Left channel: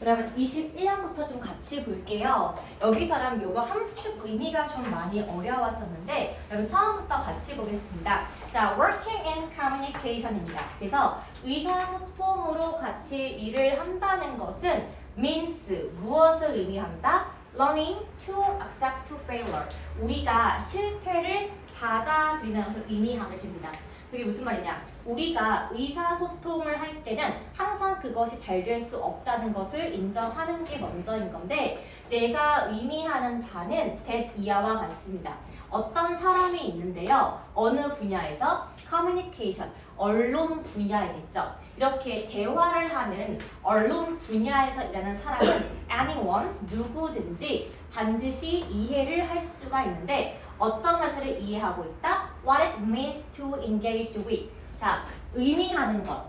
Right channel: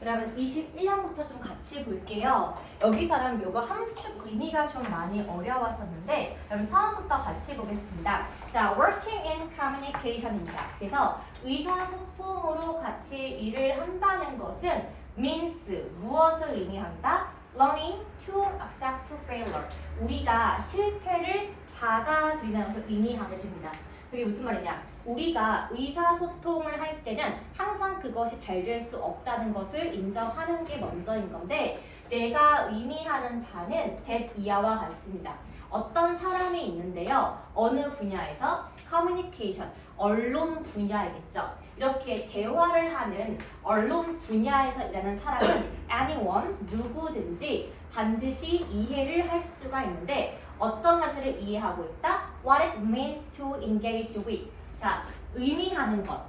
그러면 21항부터 좀 같이 볼게요. 여기서는 요거 함축 의미가 좀 많이 어려웠었는데 그럼 처음부터 같이 보겠습니다. 자, working in communication입니다. 그래서 의사소통으로 같이 일을 한다는 것은 means 무엇을 의미한다? learning to accept failure. 우리가 실패를 받아들이는 것을 의미하게 됩니다. 그게 무슨 말이냐? 우리가 의사소통을 할 때는 항상 그것이 잘 될 수 없다는 것을 인정하는 게 먼저인 건데 내가 의미하는 바는 that 이하와 같습니다. 어떤 사람이 있는데요. 어느 분야에서 communication, 언론 분야이겠죠. 이렇게 대화를 하는 언론 분야에서 일하는 사람은 anyone, 누구든지 반드시 이해를 할 수가 있는데 어떤 것을 이해하고 있다? What it means to engage with. 자, 의미하는 것.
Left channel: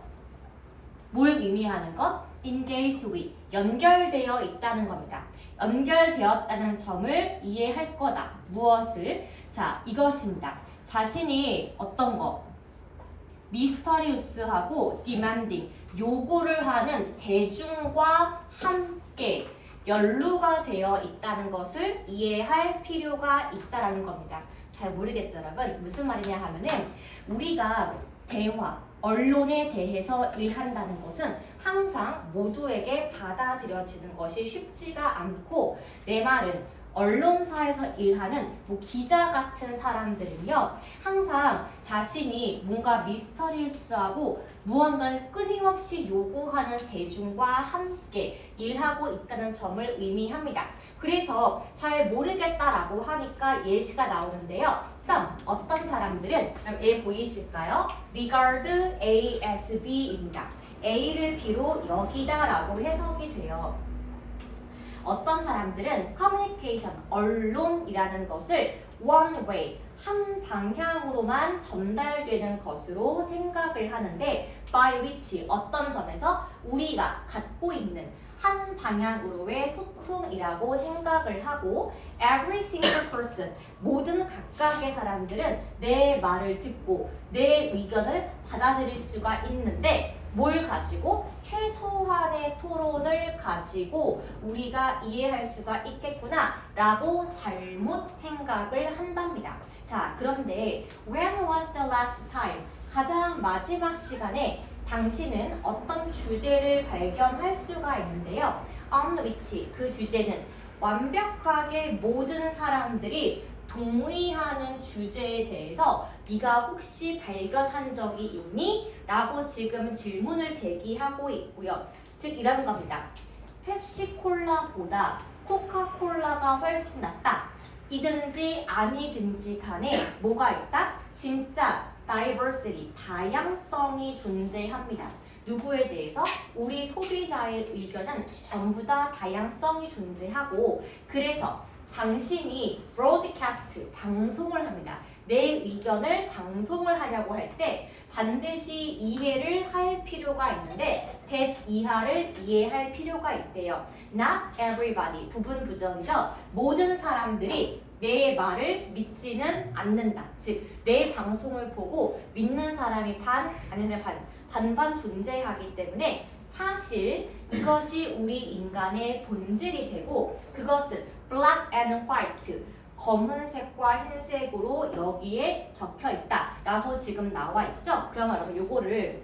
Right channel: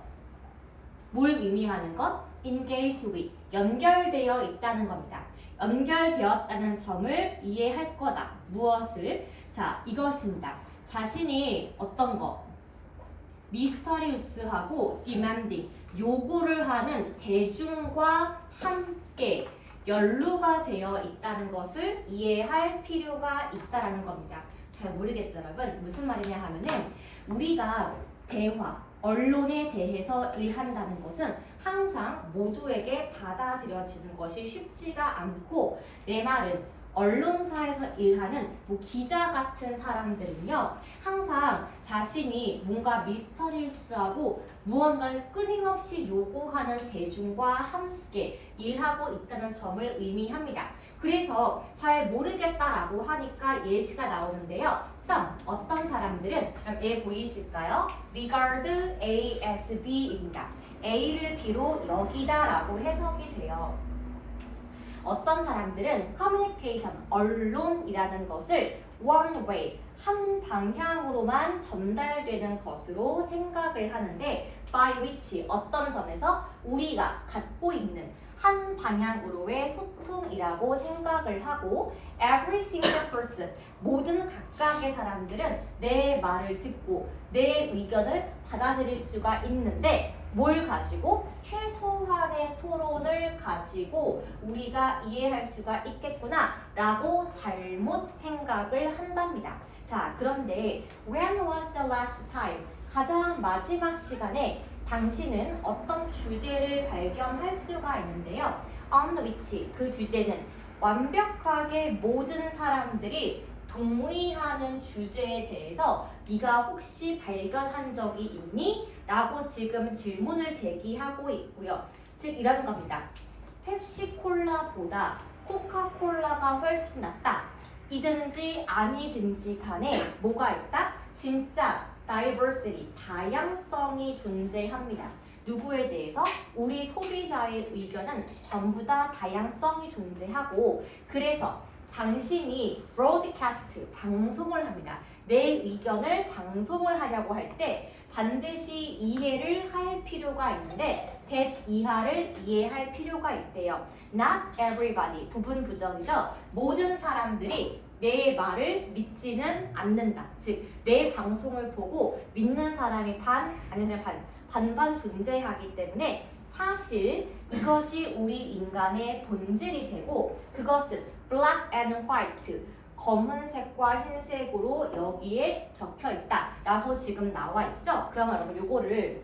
뭘 의미하는 것? engage with. 연결되어 있다는 겁니다. 연결되었다는 점을 이해할 거다. 무엇을? 자, 이것입니다. 자신이 어떤 것? 미스터리우스하고 demanding. 요구를 하는 대중과 함께 연루가 되어 있다는 것을 이해할 필요가 있다는 겁니다. 잘 모르겠죠, 여러분? 무슨 말이냐 하면은 우리가 대화, 언론에 대해서 일한다는 것은 항상 모두에게 받아들여지는 것이 쉽지가 않고 내 말은 언론사에서 일하는 뭐 기자 같은 사람들은요 항상 자신이 뭔가 미스터리우스하고 무언가를 끊임없이 요구하는 대중과 함께 일하고 있다는 점을 의미합니다. 그래서 잘 모르겠다라고 하니까 예시가 나오는데요. some, 어떤 사람들은 얘 보이실까요? regard A as B입니다. A를 B로 여기다라고 해석이 돼요. 어떤 사람들은 communication, 언론이라는 것을 one way, 한 방향으로만 전달되는 것으로 생각을 하는데 by which, 어떤 점에서 우리가 갖고 있는 한 방향으로의 소통이라고 생각을 하고 every single person, 모든 각각의 사람들은 내 말을 듣고 내 의견을 받아들일 수가 있는데 뭘 가지고? 최소한의 토론을 가지고 우리가 이해할 수가 있겠구나 라고 잘못 생각을 한답니다. 자, 그런데 when was the last time? 가장 마지막 시간에 당신은 어떤 주제를 발견할 수가 있는데요. on which, 그 주제는 완벽하게 모든 사람들이 동의하는 주제에 대해서 네가 혹시 발견한 적이 있니? 라고 지금 질문을 제기하고 있고요. 즉 이런 겁니다. 펩시콜라보다 코카콜라가 훨씬 낫다. 이든지 아니든지 간에 뭐가 있다? 진짜 diversity, 다양성이 존재합니다. 누구에 대해서? 우리 소비자의 의견은 전부 다 다양성이 존재하고 그래서 당신이 broadcast, 방송을 합니다. 내 의견을 방송을 하려고 할 때 반드시 이해를 할 필요가 있는데 that 이하를 이해할 필요가 있대요. Not everybody, 부분 부정이죠. 모든 사람들이 내 말을 믿지는 않는다. 즉, 내 방송을 보고 믿는 사람이 아니면 반반 존재하기 때문에 사실 이것이 우리 인간의 본질이 되고 그것은 black and white, 검은색과 흰색으로 여기에 적혀 있다 라고 지금 나와 있죠? 그러면 여러분 요거를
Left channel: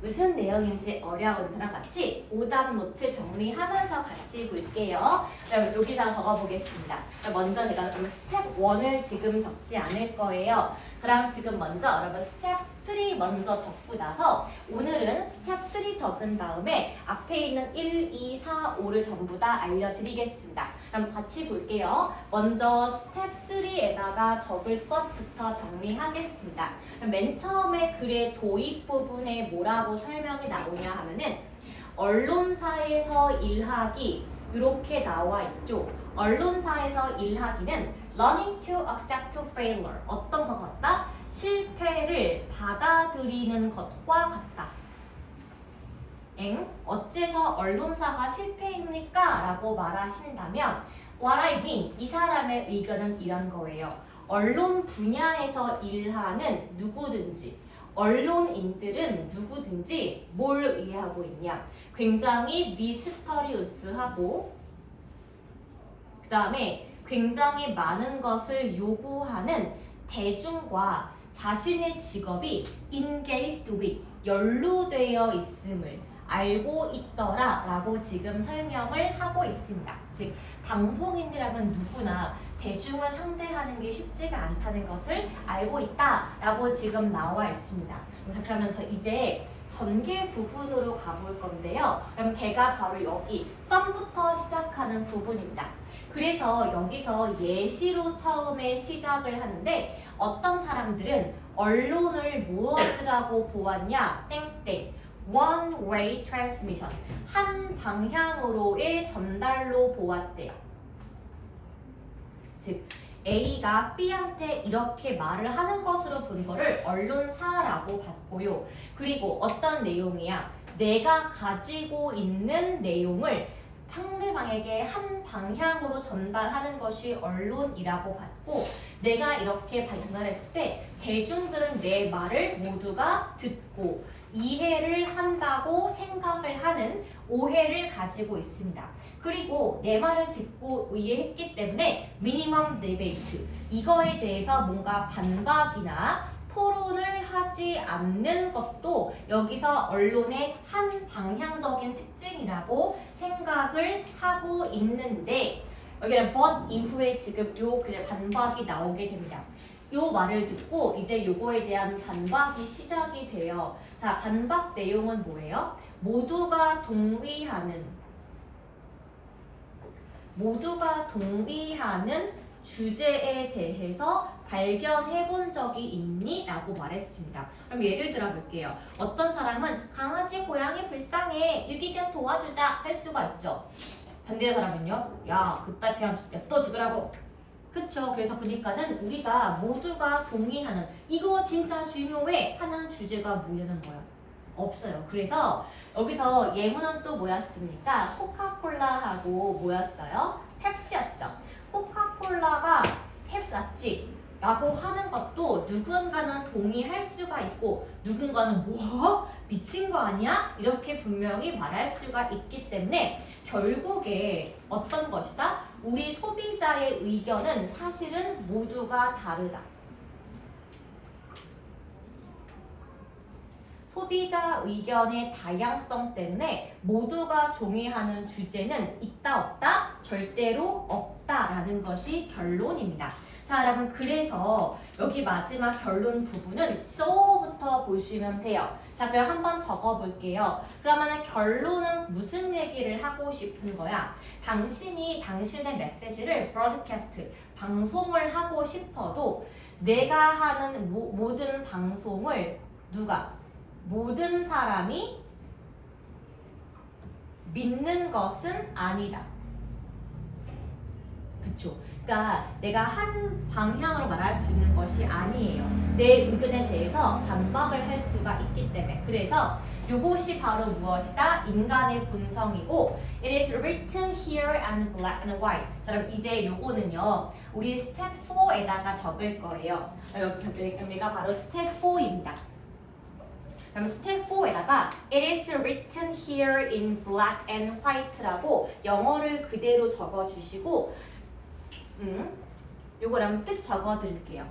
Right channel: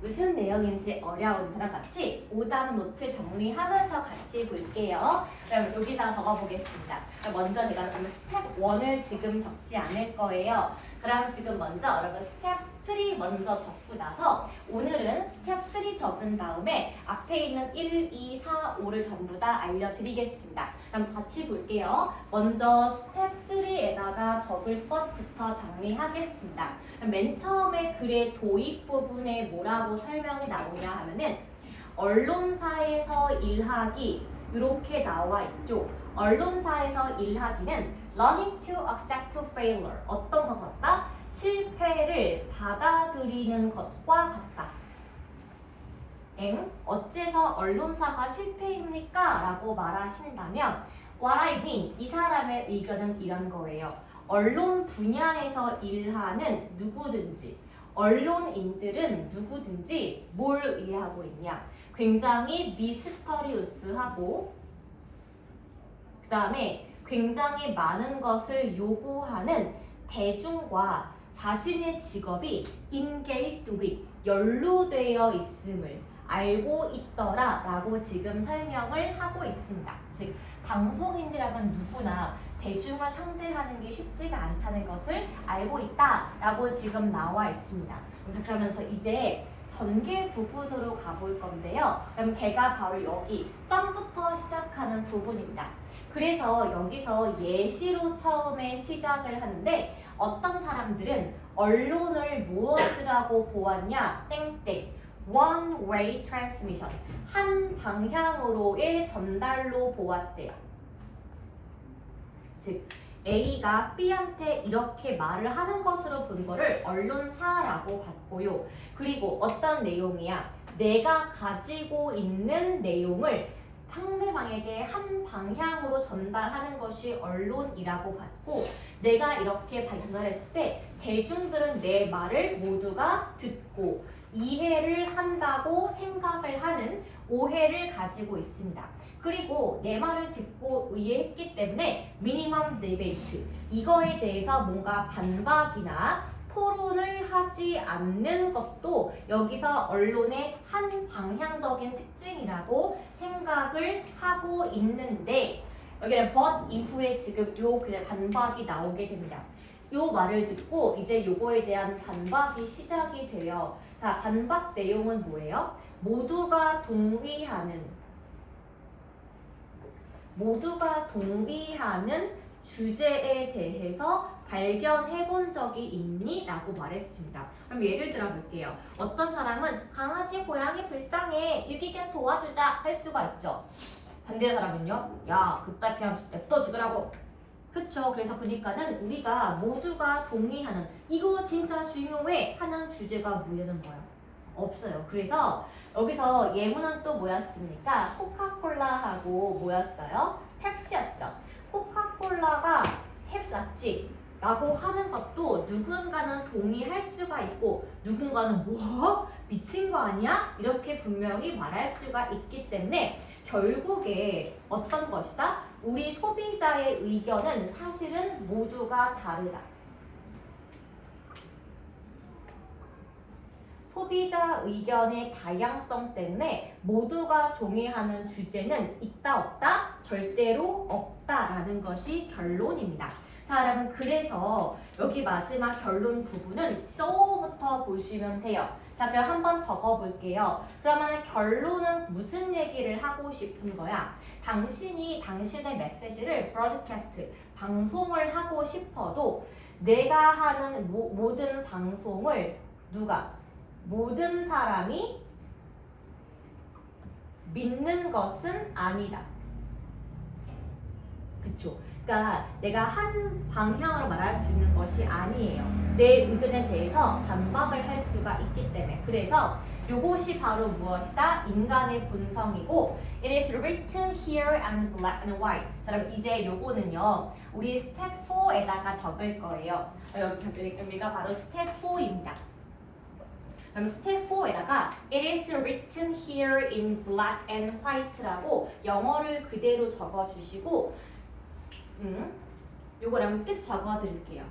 무슨 내용인지 어려운 거랑 같이 오답 노트 정리하면서 같이 볼게요. 그럼 여기다가 적어보겠습니다. 먼저 제가 그럼 스텝 1을 지금 적지 않을 거예요. 그럼 지금 먼저 여러분 스텝 3 먼저 적고 나서 오늘은 스텝 3 적은 다음에 앞에 있는 1, 2, 4, 5를 전부 다 알려드리겠습니다. 그럼 같이 볼게요. 먼저 스텝 3에다가 적을 것부터 정리하겠습니다. 맨 처음에 글의 도입 부분에 뭐라고 설명이 나오냐 하면은 언론사에서 일하기 이렇게 나와 있죠. 언론사에서 일하기는 learning to accept failure, 어떤 것 같다? 실패를 받아들이는 것과 같다. 어째서 언론사가 실패입니까? 라고 말하신다면 what I mean, 이 사람의 의견은 이런 거예요. 언론 분야에서 일하는 누구든지 언론인들은 누구든지 뭘 이해하고 있냐? 굉장히 미스터리우스하고 그 다음에 굉장히 많은 것을 요구하는 대중과 자신의 직업이 engaged with, 연루되어 있음을 알고 있더라 라고 지금 설명을 하고 있습니다. 즉 방송인이라면 누구나 대중을 상대하는 게 쉽지가 않다는 것을 알고 있다 라고 지금 나와 있습니다. 그러면서 이제 전개 부분으로 가볼 건데요. 그럼 걔가 바로 여기 썸부터 시작하는 부분입니다. 그래서 여기서 예시로 처음에 시작을 하는데 어떤 사람들은 언론을 무엇이라고 보았냐? 땡땡. One way transmission. 한 방향으로의 전달로 보았대요. 즉 A가 B한테 이렇게 말을 하는 것으로 본 거를 언론사라고 봤고요. 그리고 어떤 내용이야? 내가 가지고 있는 내용을 상대방에게 한 방향으로 전달하는 것이 언론이라고 봤고, 내가 이렇게 전달했을 때 대중들은 내 말을 모두가 듣고 이해를 한다고 생각을 하는 오해를 가지고 있습니다. 그리고 내 말을 듣고 이해했기 때문에 미니멈 디베이트, 이거에 대해서 뭔가 반박이나 토론을 하지 않는 것도 여기서 언론의 한 방향적인 특징이라고 생각을 하고 있는데, 여기는 but 이후에 지금 요 그냥 반박이 나오게 됩니다. 요 말을 듣고 이제 요거에 대한 반박이 시작이 돼요. 자, 반박 내용은 뭐예요? 모두가 동의하는 주제에 대해서 발견해 본 적이 있니? 라고 말했습니다. 그럼 예를 들어 볼게요. 어떤 사람은 강아지, 고양이 불쌍해, 유기견 도와주자 할 수가 있죠. 반대 사람은요, 야, 그따 그냥 냅둬 죽으라고. 그쵸? 그래서 보니까는 우리가 모두가 동의하는, 이거 진짜 중요해 하는 주제가 뭐냐는 거예요. 없어요. 그래서 여기서 예문은 또 뭐였습니까? 코카콜라하고 뭐였어요? 펩시였죠. 코카콜라가 펩시 낫지 라고 하는 것도 누군가는 동의할 수가 있고 누군가는 뭐? 미친 거 아니야? 이렇게 분명히 말할 수가 있기 때문에 결국에 어떤 것이다? 우리 소비자의 의견은 사실은 모두가 다르다. 소비자 의견의 다양성 때문에 모두가 동의하는 주제는 있다 없다? 절대로 없다라는 것이 결론입니다. 자, 여러분, 그래서 여기 마지막 결론 부분은 so부터 보시면 돼요. 자, 그럼 한번 적어볼게요. 그러면 결론은 무슨 얘기를 하고 싶은 거야? 당신이 당신의 메시지를 broadcast, 방송을 하고 싶어도 내가 하는 모든 방송을 모든 사람이 믿는 것은 아니다. 그쵸? 그러니까 내가 한 방향으로 말할 수 있는 것이 아니에요. 내 의견에 대해서 반박을 할 수가 있기 때문에. 그래서 이것이 바로 무엇이다? 인간의 본성이고 It is written here in black and white. 자, 여러분 이제 요거는요 우리 스텝 4에다가 적을 거예요. 여기가 바로 스텝 4입니다. 그럼 스텝 4에다가 It is written here in black and white라고 영어를 그대로 적어주시고 요거랑 뜻 적어드릴게요.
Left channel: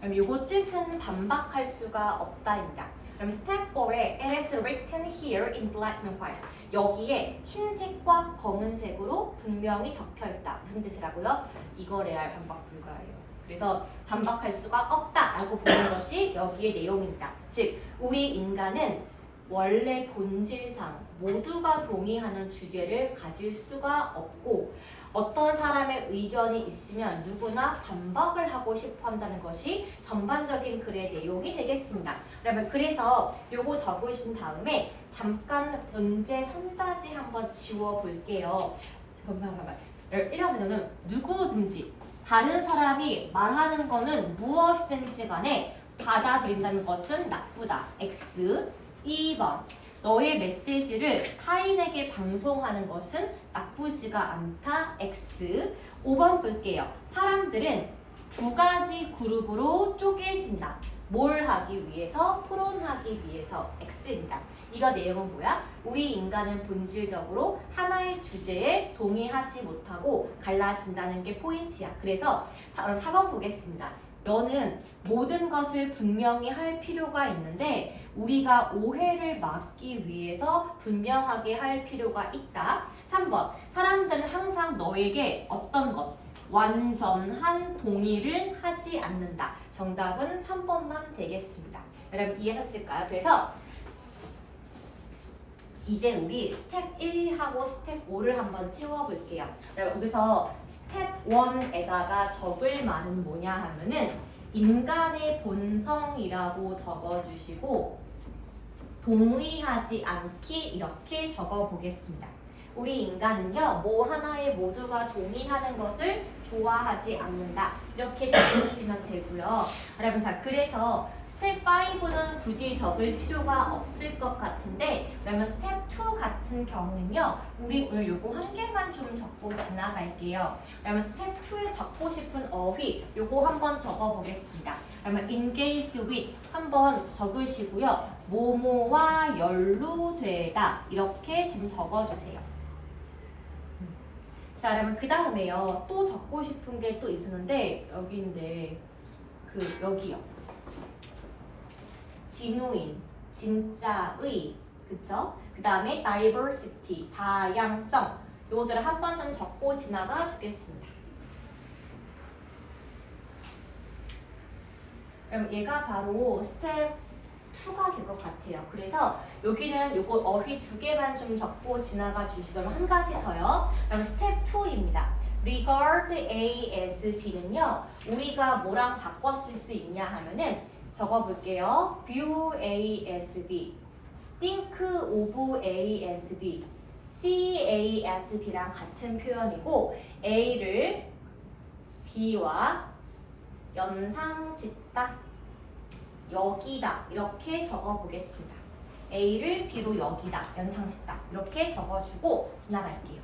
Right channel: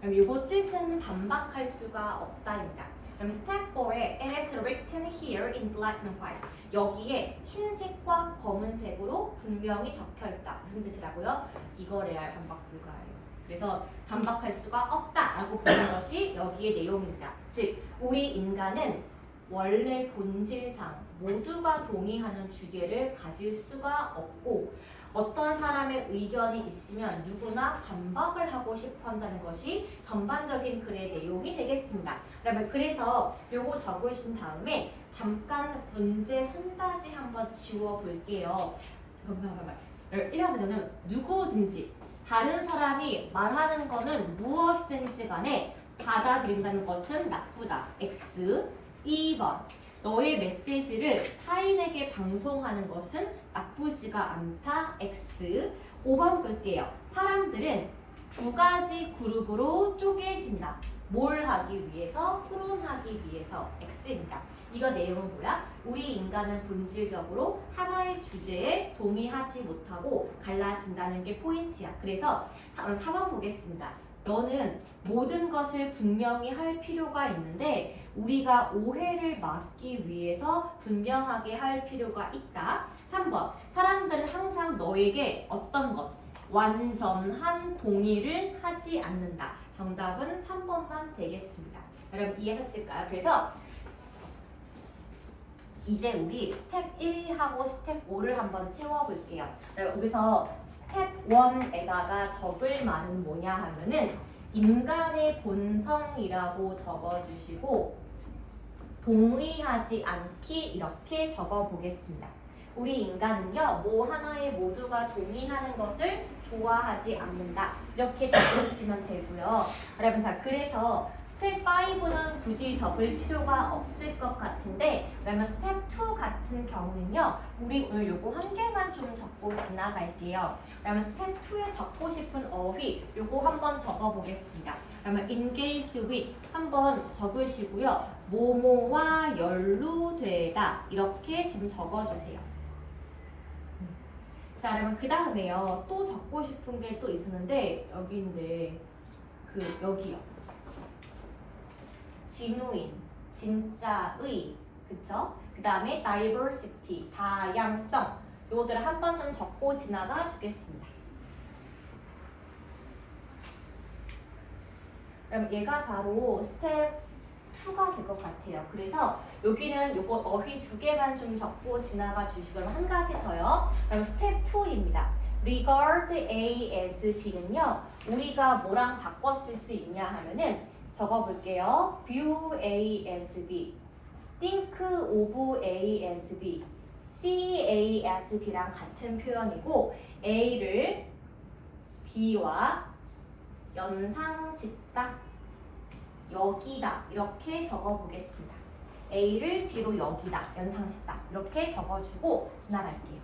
그럼 요거 뜻은 반박할 수가 없다입니다. 그럼 스텝 4에 It is written here in black and white. 여기에 흰색과 검은색으로 분명히 적혀있다. 무슨 뜻이라고요? 이거 레알 반박 불가예요. 그래서 반박할 수가 없다라고 보는 것이 여기의 내용입니다. 즉 우리 인간은 원래 본질상 모두가 동의하는 주제를 가질 수가 없고 어떤 사람의 의견이 있으면 누구나 반박을 하고 싶어 한다는 것이 전반적인 글의 내용이 되겠습니다. 여러분 그래서 요거 적으신 다음에 잠깐 문제 손다지 한번 지워볼게요. 잠깐만. 이러면 누구든지 다른 사람이 말하는 거는 무엇이든지 간에 받아들인다는 것은 나쁘다. X. 2번. 너의 메시지를 타인에게 방송하는 것은 나쁘지가 않다. X. 5번 볼게요. 사람들은 두 가지 그룹으로 쪼개진다. 뭘 하기 위해서? 토론하기 위해서. X입니다. 이거 내용은 뭐야? 우리 인간은 본질적으로 하나의 주제에 동의하지 못하고 갈라진다는 게 포인트야. 그래서 4번 보겠습니다. 너는 모든 것을 분명히 할 필요가 있는데 우리가 오해를 막기 위해서 분명하게 할 필요가 있다. 3번. 사람들은 항상 너에게 어떤 것? 완전한 동의를 하지 않는다. 정답은 3번만 되겠습니다. 여러분 이해하셨을까요? 그래서 이제 우리 스텝 1하고 스텝 5를 한번 채워볼게요. 여러분 여기서 스텝 1에다가 적을 말은 뭐냐 하면은 인간의 본성이라고 적어주시고 동의하지 않기 이렇게 적어보겠습니다. 우리 인간은요, 뭐 하나에 모두가 동의하는 것을 좋아하지 않는다. 이렇게 적으시면 되고요. 여러분, 자, 그래서 스텝 5는 굳이 적을 필요가 없을 것 같은데, 그러면 스텝 2 같은 경우는요, 우리 오늘 요거 한 개만 좀 적고 지나갈게요. 그러면 스텝 2에 적고 싶은 어휘, 요거 한번 적어보겠습니다. 그러면 engage with 한번 적으시고요. 뭐뭐와 연루되다 이렇게 좀 적어주세요. 자, 그러면 그 다음에요. 또 적고 싶은 게 또 있었는데 여기인데 여기요. 진우인, 진짜의, 그쵸? 그 다음에 diversity, 다양성. 요거들을 한번 좀 적고 지나가 주겠습니다. 그럼 얘가 바로 스텝 2가 될 것 같아요. 그래서 여기는 요거 어휘 2개만 좀 적고 지나가 주시면 한 가지 더요. 그럼 스텝 2입니다. regard A as B는요. 우리가 뭐랑 바꿔 쓸 수 있냐 하면은 적어볼게요. view A as B, think of A as B, see A as B랑 같은 표현이고 A를 B와 연상짓다, 여기다 이렇게 적어보겠습니다. A를 B로 여기다, 연상짓다 이렇게 적어주고 지나갈게요.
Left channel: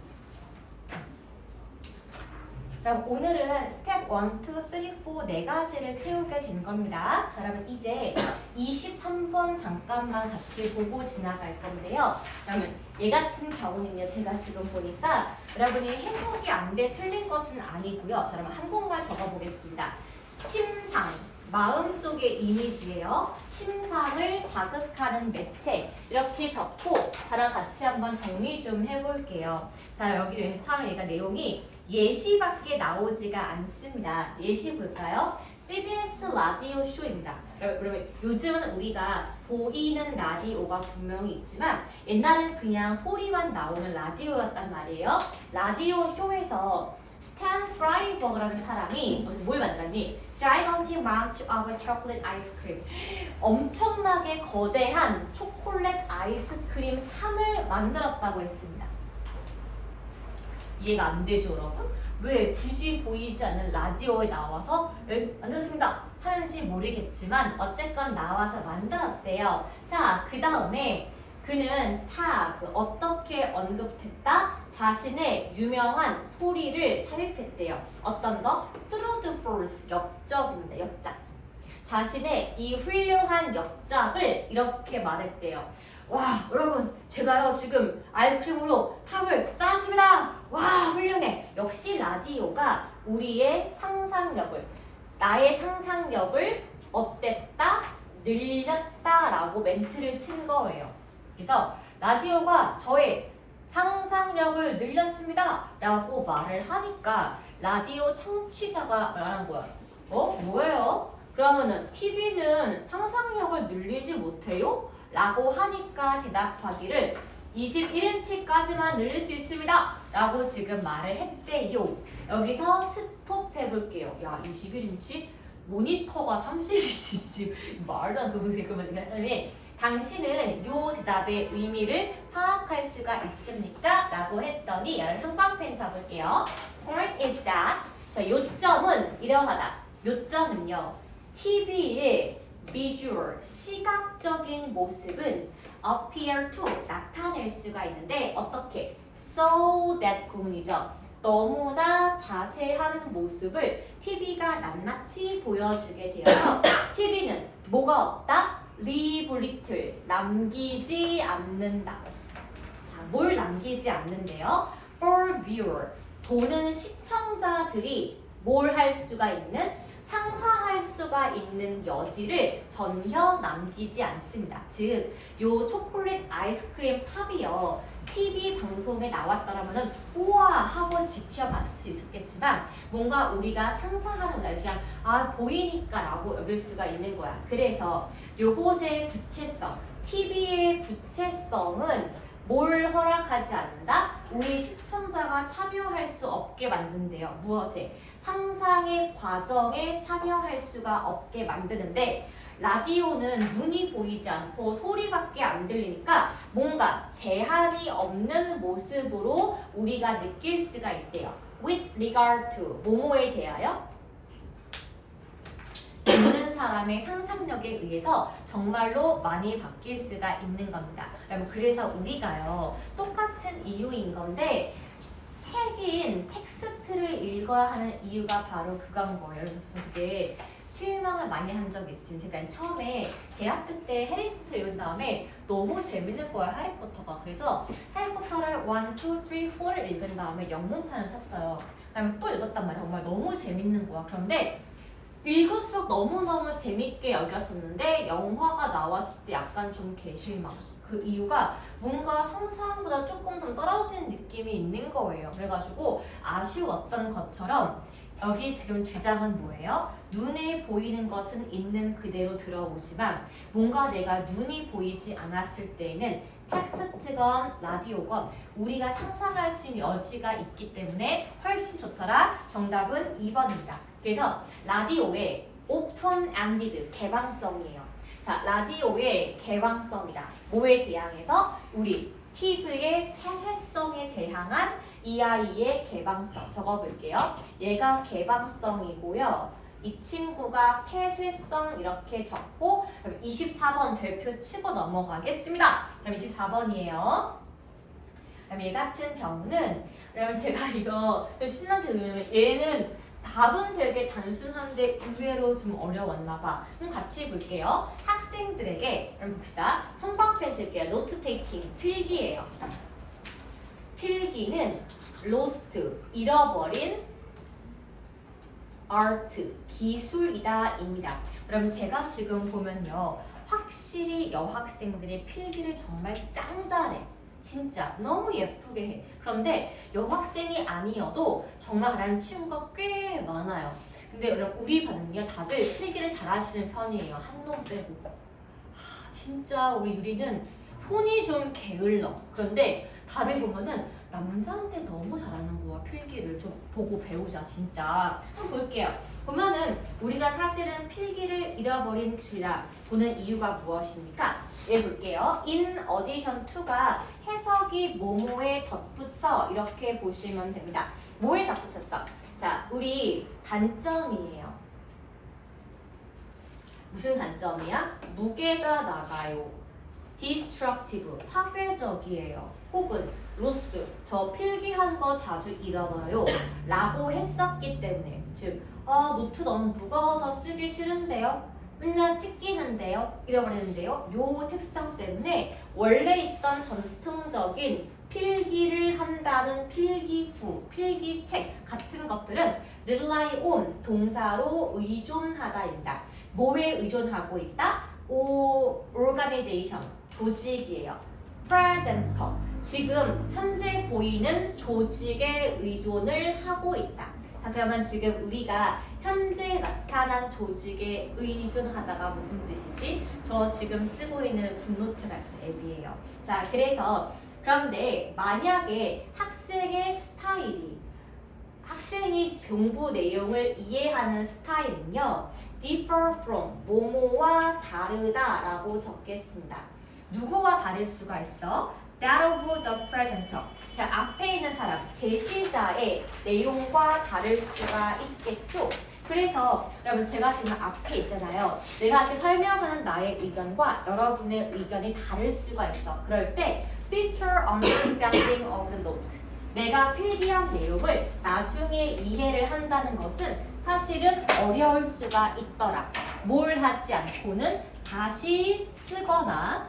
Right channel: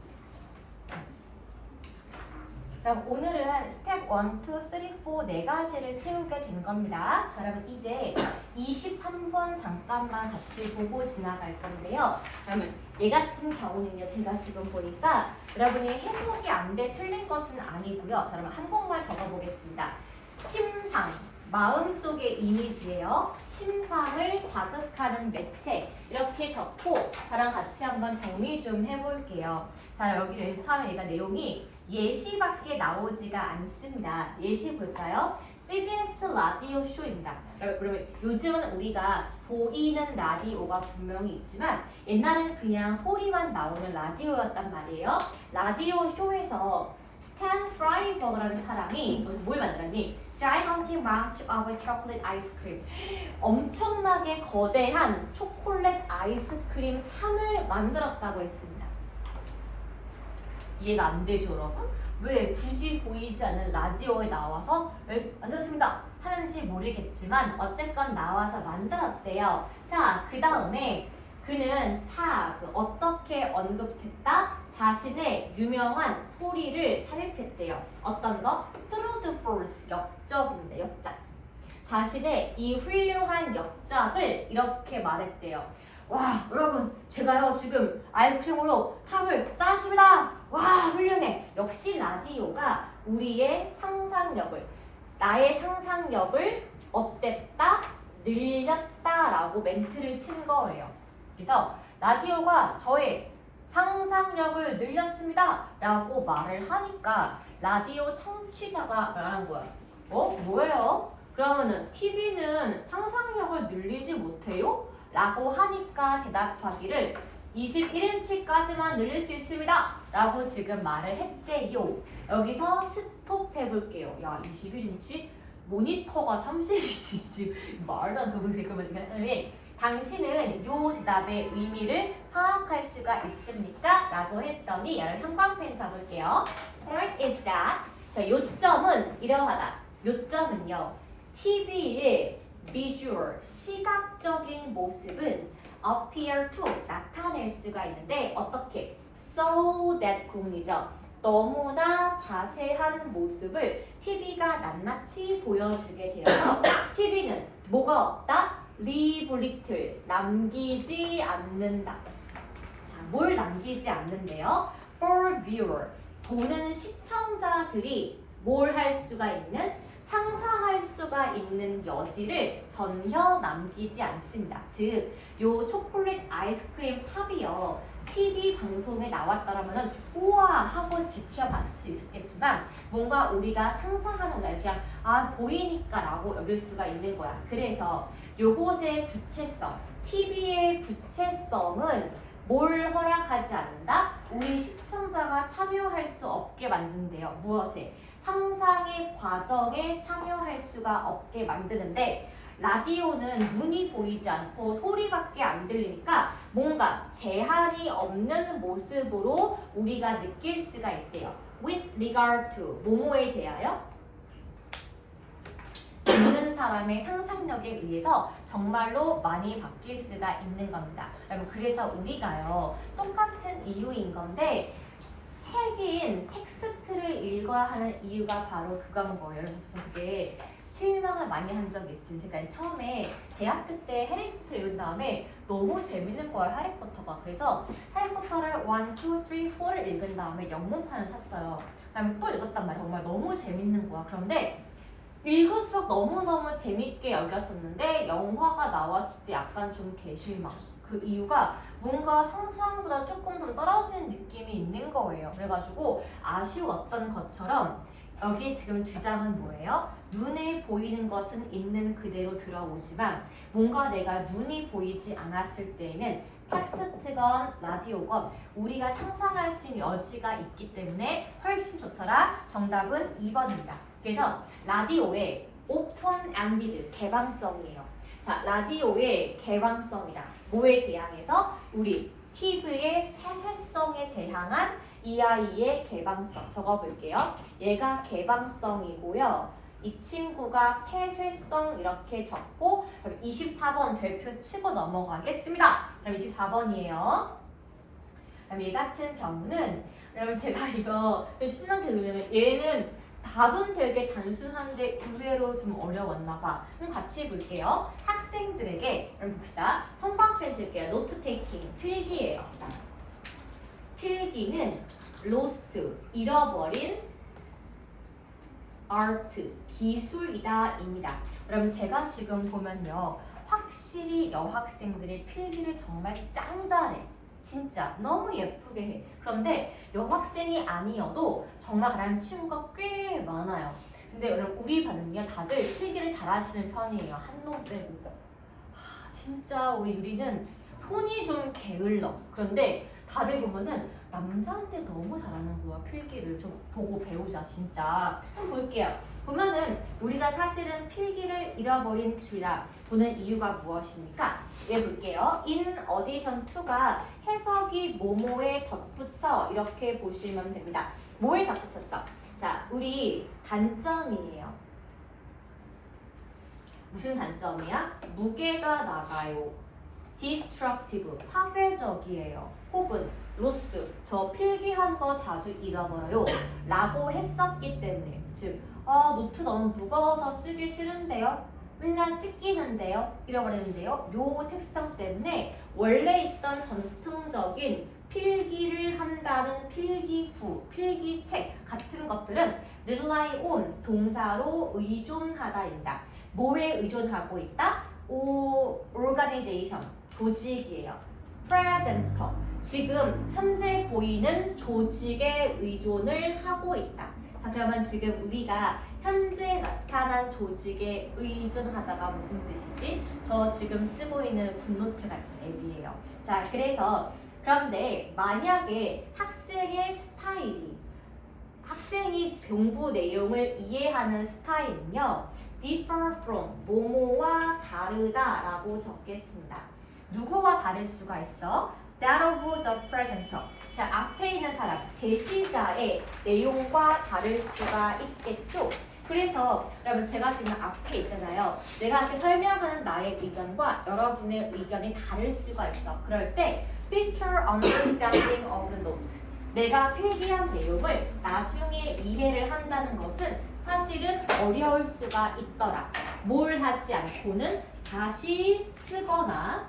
그럼 오늘은 스텝 1, 2, 3, 4 네 가지를 채우게 된 겁니다. 자, 그러면 이제 23번 잠깐만 같이 보고 지나갈 건데요. 그러면 얘 같은 경우는요, 제가 지금 보니까 여러분이 해석이 안 돼 틀린 것은 아니고요. 자, 그러면 한국말 적어보겠습니다. 심상, 마음속의 이미지예요. 심상을 자극하는 매체 이렇게 적고 저랑 같이 한번 정리 좀 해볼게요. 자, 여기 처음에 얘가 내용이 예시밖에 나오지가 않습니다. 예시 볼까요? CBS 라디오 쇼입니다. 그러면 요즘은 우리가 보이는 라디오가 분명히 있지만 옛날엔 그냥 소리만 나오는 라디오였단 말이에요. 라디오 쇼에서 스탠 프라이버그라는 사람이 뭘 만들었니? Giant amount of chocolate ice cream. 엄청나게 거대한 초콜릿 아이스크림 산을 만들었다고 했습니다. 이해가 안 되죠, 여러분? 왜 굳이 보이지 않는 라디오에 나와서 만들었습니다 하는지 모르겠지만 어쨌건 나와서 만들었대요. 자, 그 다음에 그는 어떻게 언급했다? 자신의 유명한 소리를 삽입했대요. 어떤 거? Through the force, 역적인데, 역작. 자신의 이 훌륭한 역작을 이렇게 말했대요. 와, 여러분, 제가요 지금 아이스크림으로 탑을 쌓았습니다. 와, 훌륭해. 역시 라디오가 우리의 상상력을, 나의 상상력을 어땠다? 늘렸다라고 멘트를 친 거예요. 그래서 라디오가 저의 상상력을 늘렸습니다 라고 말을 하니까 라디오 청취자가 말한 거야. 뭐예요? 그러면은 TV는 상상력을 늘리지 못해요? 라고 하니까 대답하기를 21인치까지만 늘릴 수 있습니다 라고 지금 말을 했대요. 여기서 스톱 해볼게요. 야, 21인치? 모니터가 30인치 말도 안 되는 그러면 당신은 요 대답의 의미를 파악할 수가 있습니까? 라고 했더니 여러분 형광펜 잡을게요. Point is that 자, 요점은 이러하다. 요점은요, TV의 visual, 시각적인 모습은 appear to, 나타낼 수가 있는데 어떻게? So that 구문이죠. 너무나 자세한 모습을 TV가 낱낱이 보여주게 되어서 TV는 뭐가 없다? Leave little, 남기지 않는다. 자, 뭘 남기지 않는데요? For viewer, 보는 시청자들이 뭘 할 수가 있는? 상상할 수가 있는 여지를 전혀 남기지 않습니다. 즉, 요 초콜릿 아이스크림 탑이요. TV 방송에 나왔더라면 우와 하고 지켜봤을 수 있었겠지만 뭔가 우리가 상상하는 날 그냥 보이니까 라고 여길 수가 있는 거야. 그래서 요것의 구체성, TV의 구체성은 뭘 허락하지 않는다? 우리 시청자가 참여할 수 없게 만든대요. 무엇에? 상상의 과정에 참여할 수가 없게 만드는데 라디오는 눈이 보이지 않고 소리밖에 안 들리니까 뭔가 제한이 없는 모습으로 우리가 느낄 수가 있대요. With regard to, 뭐뭐에 대하여? 듣는 사람의 상상력에 의해서 정말로 많이 바뀔 수가 있는 겁니다. 여러분, 그래서 우리가요 똑같은 이유인 건데 책인 텍스트를 읽어야 하는 이유가 바로 그건 거예요. 그래서 되게 실망을 많이 한 적이 있습니다. 제가 처음에 대학교 때 해리포터 읽은 다음에 너무 재밌는 거예요, 해리포터가. 그래서 해리포터를 1, 2, 3, 4를 읽은 다음에 영문판을 샀어요. 그다음에 또 읽었단 말이에요. 정말 너무 재밌는 거야. 그런데 읽을수록 너무너무 재밌게 여겼었는데 영화가 나왔을 때 약간 좀 개실망. 그 이유가 뭔가 상상보다 조금 더 떨어지는 느낌이 있는 거예요. 그래가지고 아쉬웠던 것처럼 여기 지금 주장은 뭐예요? 눈에 보이는 것은 있는 그대로 들어오지만 뭔가 내가 눈이 보이지 않았을 때에는 텍스트건 라디오건 우리가 상상할 수 있는 여지가 있기 때문에 훨씬 좋더라. 정답은 2번입니다. 그래서 라디오의 오픈엔디드, 개방성이에요. 자, 라디오의 개방성이다. 뭐에 대항해서? 우리 TV의 폐쇄성에 대항한 이 아이의 개방성. 적어볼게요. 얘가 개방성이고요. 이 친구가 폐쇄성 이렇게 적고 24번 별표 치고 넘어가겠습니다. 그럼 24번이에요. 그럼 얘 같은 경우는 그러면 제가 이거 좀 신나게 왜냐면 얘는 답은 되게 단순한데 의외로 좀 어려웠나 봐. 그럼 같이 볼게요. 학생들에게 그럼 봅시다. 형광펜 칠게요. 노트 테이킹 필기예요. 필기는 lost 잃어버린 art 기술이다 입니다. 그럼 제가 지금 보면요. 확실히 여학생들의 필기를 정말 짱 잘해. 진짜 너무 예쁘게 해. 그런데 여학생이 아니어도 정말 잘하는 친구가 꽤 많아요. 근데 여러분 우리 반은요 다들 필기를 잘하시는 편이에요. 한 놈 빼고. 진짜 우리 유리는 손이 좀 게을러. 그런데 다들 보면은 남자한테 너무 잘하는 거야. 필기를 좀 보고 배우자 진짜. 한번 볼게요. 보면은 우리가 사실은 필기를 잃어버린 기술이다 보는 이유가 무엇입니까? 예, 볼게요. In addition to가 해석이 뭐뭐에 덧붙여 이렇게 보시면 됩니다. 뭐에 덧붙였어? 자, 우리 단점이에요. 무슨 단점이야? 무게가 나가요. destructive, 파괴적이에요. 혹은 loss, 저 필기한 거 자주 잃어버려요. 라고 했었기 때문에 즉, 노트 너무 무거워서 쓰기 싫은데요. 맨날 찢기는데요. 잃어버리는데요. 요 특성 때문에 원래 있던 전통적인 필기를 한다는 필기구, 필기책 같은 것들은 rely on 동사로 의존하다입니다. 뭐에 의존하고 있다? organization, 조직이에요. presenter, 지금 현재 보이는 조직에 의존을 하고 있다. 자, 그러면 지금 우리가 현재 나타난 조직에 의존하다가 무슨 뜻이지? 저 지금 쓰고 있는 굿노트 같은 앱이에요. 자, 그래서 그런데 만약에 학생의 스타일이 학생이 공부 내용을 이해하는 스타일은요. differ from, 뭐뭐와 다르다라고 적겠습니다. 누구와 다를 수가 있어? that of the presenter. 자, 앞에 있는 사람, 제시자의 내용과 다를 수가 있겠죠? 그래서 여러분 제가 지금 앞에 있잖아요. 내가 이렇게 설명하는 나의 의견과 여러분의 의견이 다를 수가 있어. 그럴 때 feature understanding of the note. 내가 필기한 내용을 나중에 이해를 한다는 것은 사실은 어려울 수가 있더라. 뭘 하지 않고는 다시 쓰거나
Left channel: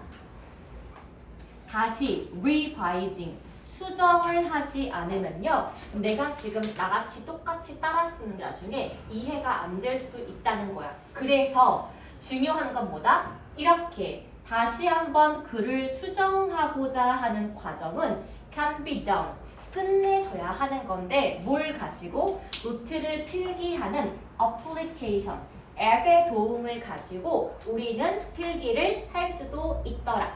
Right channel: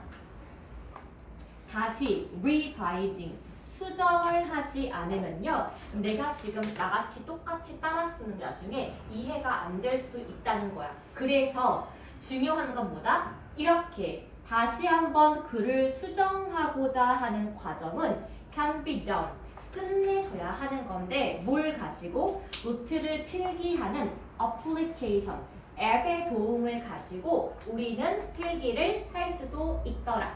다시 revising 수정을 하지 않으면요. 내가 지금 나같이 똑같이 따라 쓰는 게 나중에 이해가 안 될 수도 있다는 거야. 그래서 중요한 건 뭐다? 이렇게 다시 한번 글을 수정하고자 하는 과정은 can be done. 끝내줘야 하는 건데 뭘 가지고? 노트를 필기하는 application, 앱의 도움을 가지고 우리는 필기를 할 수도 있더라.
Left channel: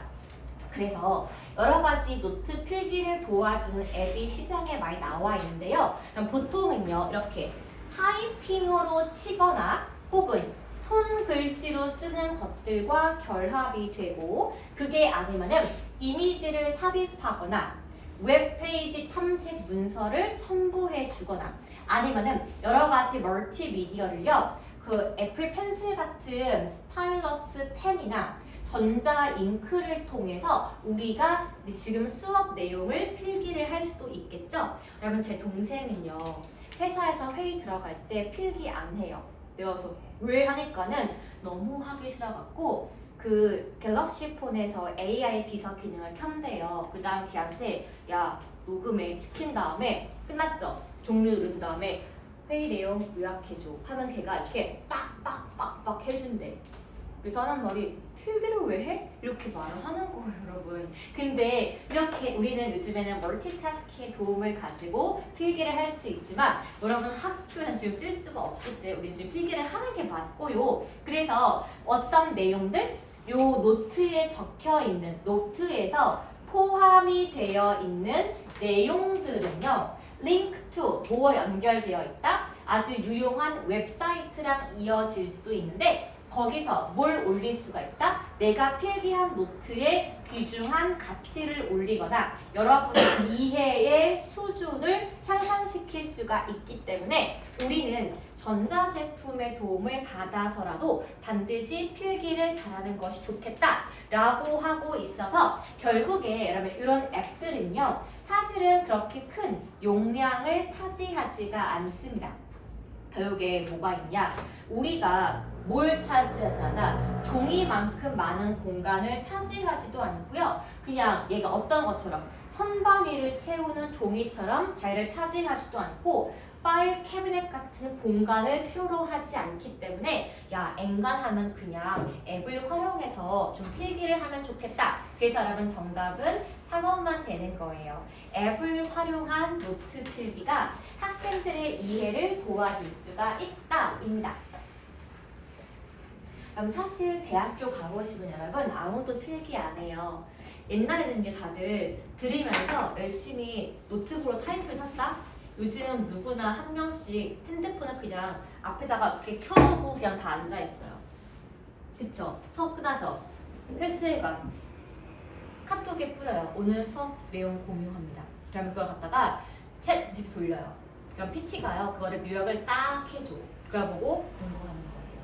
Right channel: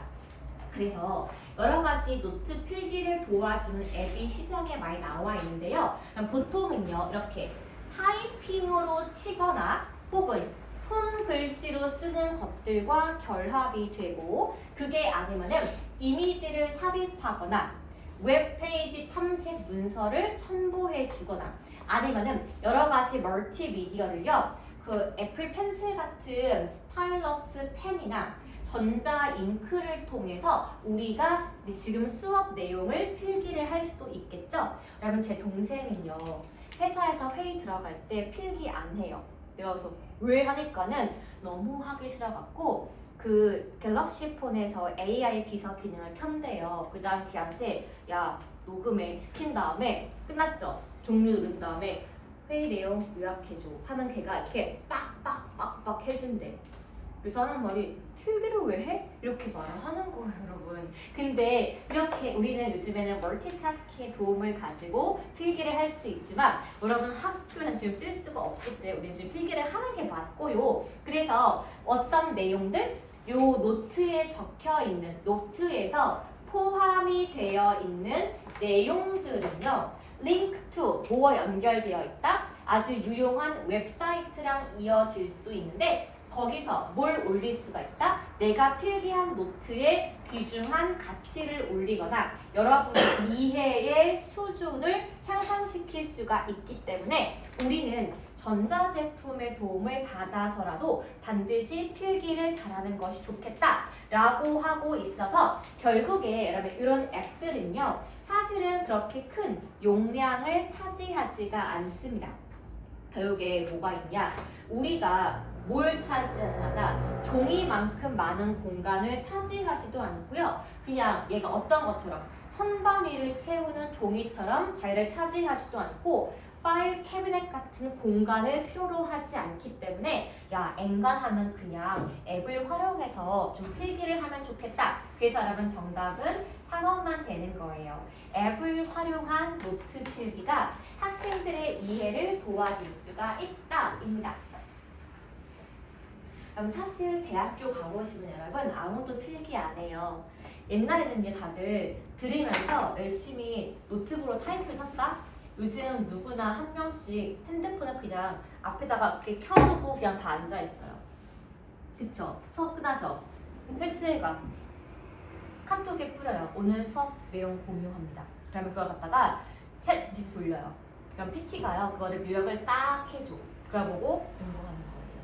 그래서 여러 가지 노트 필기를 도와주는 앱이 시장에 많이 나와 있는데요. 보통은요, 이렇게 타이핑으로 치거나 혹은 손글씨로 쓰는 것들과 결합이 되고 그게 아니면은 이미지를 삽입하거나 웹페이지 탐색 문서를 첨부해 주거나 아니면은 여러 가지 멀티미디어를요, 그 애플 펜슬 같은 스타일러스 펜이나 전자 잉크를 통해서 우리가 지금 수업 내용을 필기를 할 수도 있겠죠? 여러분 제 동생은요 회사에서 회의 들어갈 때 필기 안 해요. 내가 그래서 왜 하니까는 너무 하기 싫어갖고 그 갤럭시 폰에서 AI 비서 기능을 켠대요. 그 다음 걔한테 야 녹음해 시킨 다음에 끝났죠? 종료 누른 다음에 회의 내용 요약해줘 하면 걔가 이렇게 빡빡빡빡 해준대. 그래서 하는 말이 필기를 왜 해? 이렇게 말을 하는 거예요, 여러분. 근데 이렇게 우리는 요즘에는 멀티태스킹의 도움을 가지고 필기를 할 수도 있지만 여러분 학교는 지금 쓸 수가 없기 때문에 우리 지금 필기를 하는 게 맞고요. 그래서 어떤 내용들? 요 노트에 적혀 있는 노트에서 포함이 되어 있는 내용들은요. link to 뭐와 연결되어 있다? 아주 유용한 웹사이트랑 이어질 수도 있는데 거기서 뭘 올릴 수가 있다? 내가 필기한 노트에 귀중한 가치를 올리거나 여러분의 이해의 수준을 향상시킬 수가 있기 때문에 우리는 전자제품의 도움을 받아서라도 반드시 필기를 잘하는 것이 좋겠다라고 하고 있어서 결국에 여러분 이런 앱들은요 사실은 그렇게 큰 용량을 차지하지가 않습니다. 결국에 뭐가 있냐? 우리가 뭘 차지하잖아. 종이만큼 많은 공간을 차지하지도 않고요. 그냥 얘가 어떤 것처럼 선반 위를 채우는 종이처럼 자리를 차지하지도 않고 파일 캐비넷 같은 공간을 필요로 하지 않기 때문에 야 엔간하면 그냥 앱을 활용해서 좀 필기를 하면 좋겠다. 그래서 여러분 정답은 4번만 되는 거예요. 앱을 활용한 노트 필기가 학생들의 이해를 도와줄 수가 있다입니다. 그럼 사실 대학교 가보시면 여러분 아무도 필기 안 해요. 옛날에는요 다들 들으면서 열심히 노트북으로 타이틀을 쳤다? 요즘 누구나 한 명씩 핸드폰을 그냥 앞에다가 이렇게 켜두고 그냥 다 앉아있어요. 그쵸? 수업 끝나죠? 회수해가 카톡에 뿌려요. 오늘 수업 내용 공유합니다. 그러면 그걸 갖다가 챗 돌려요. 그럼 PT가요 그거를 요약을 딱 해줘. 그거 보고 공부하는 거예요.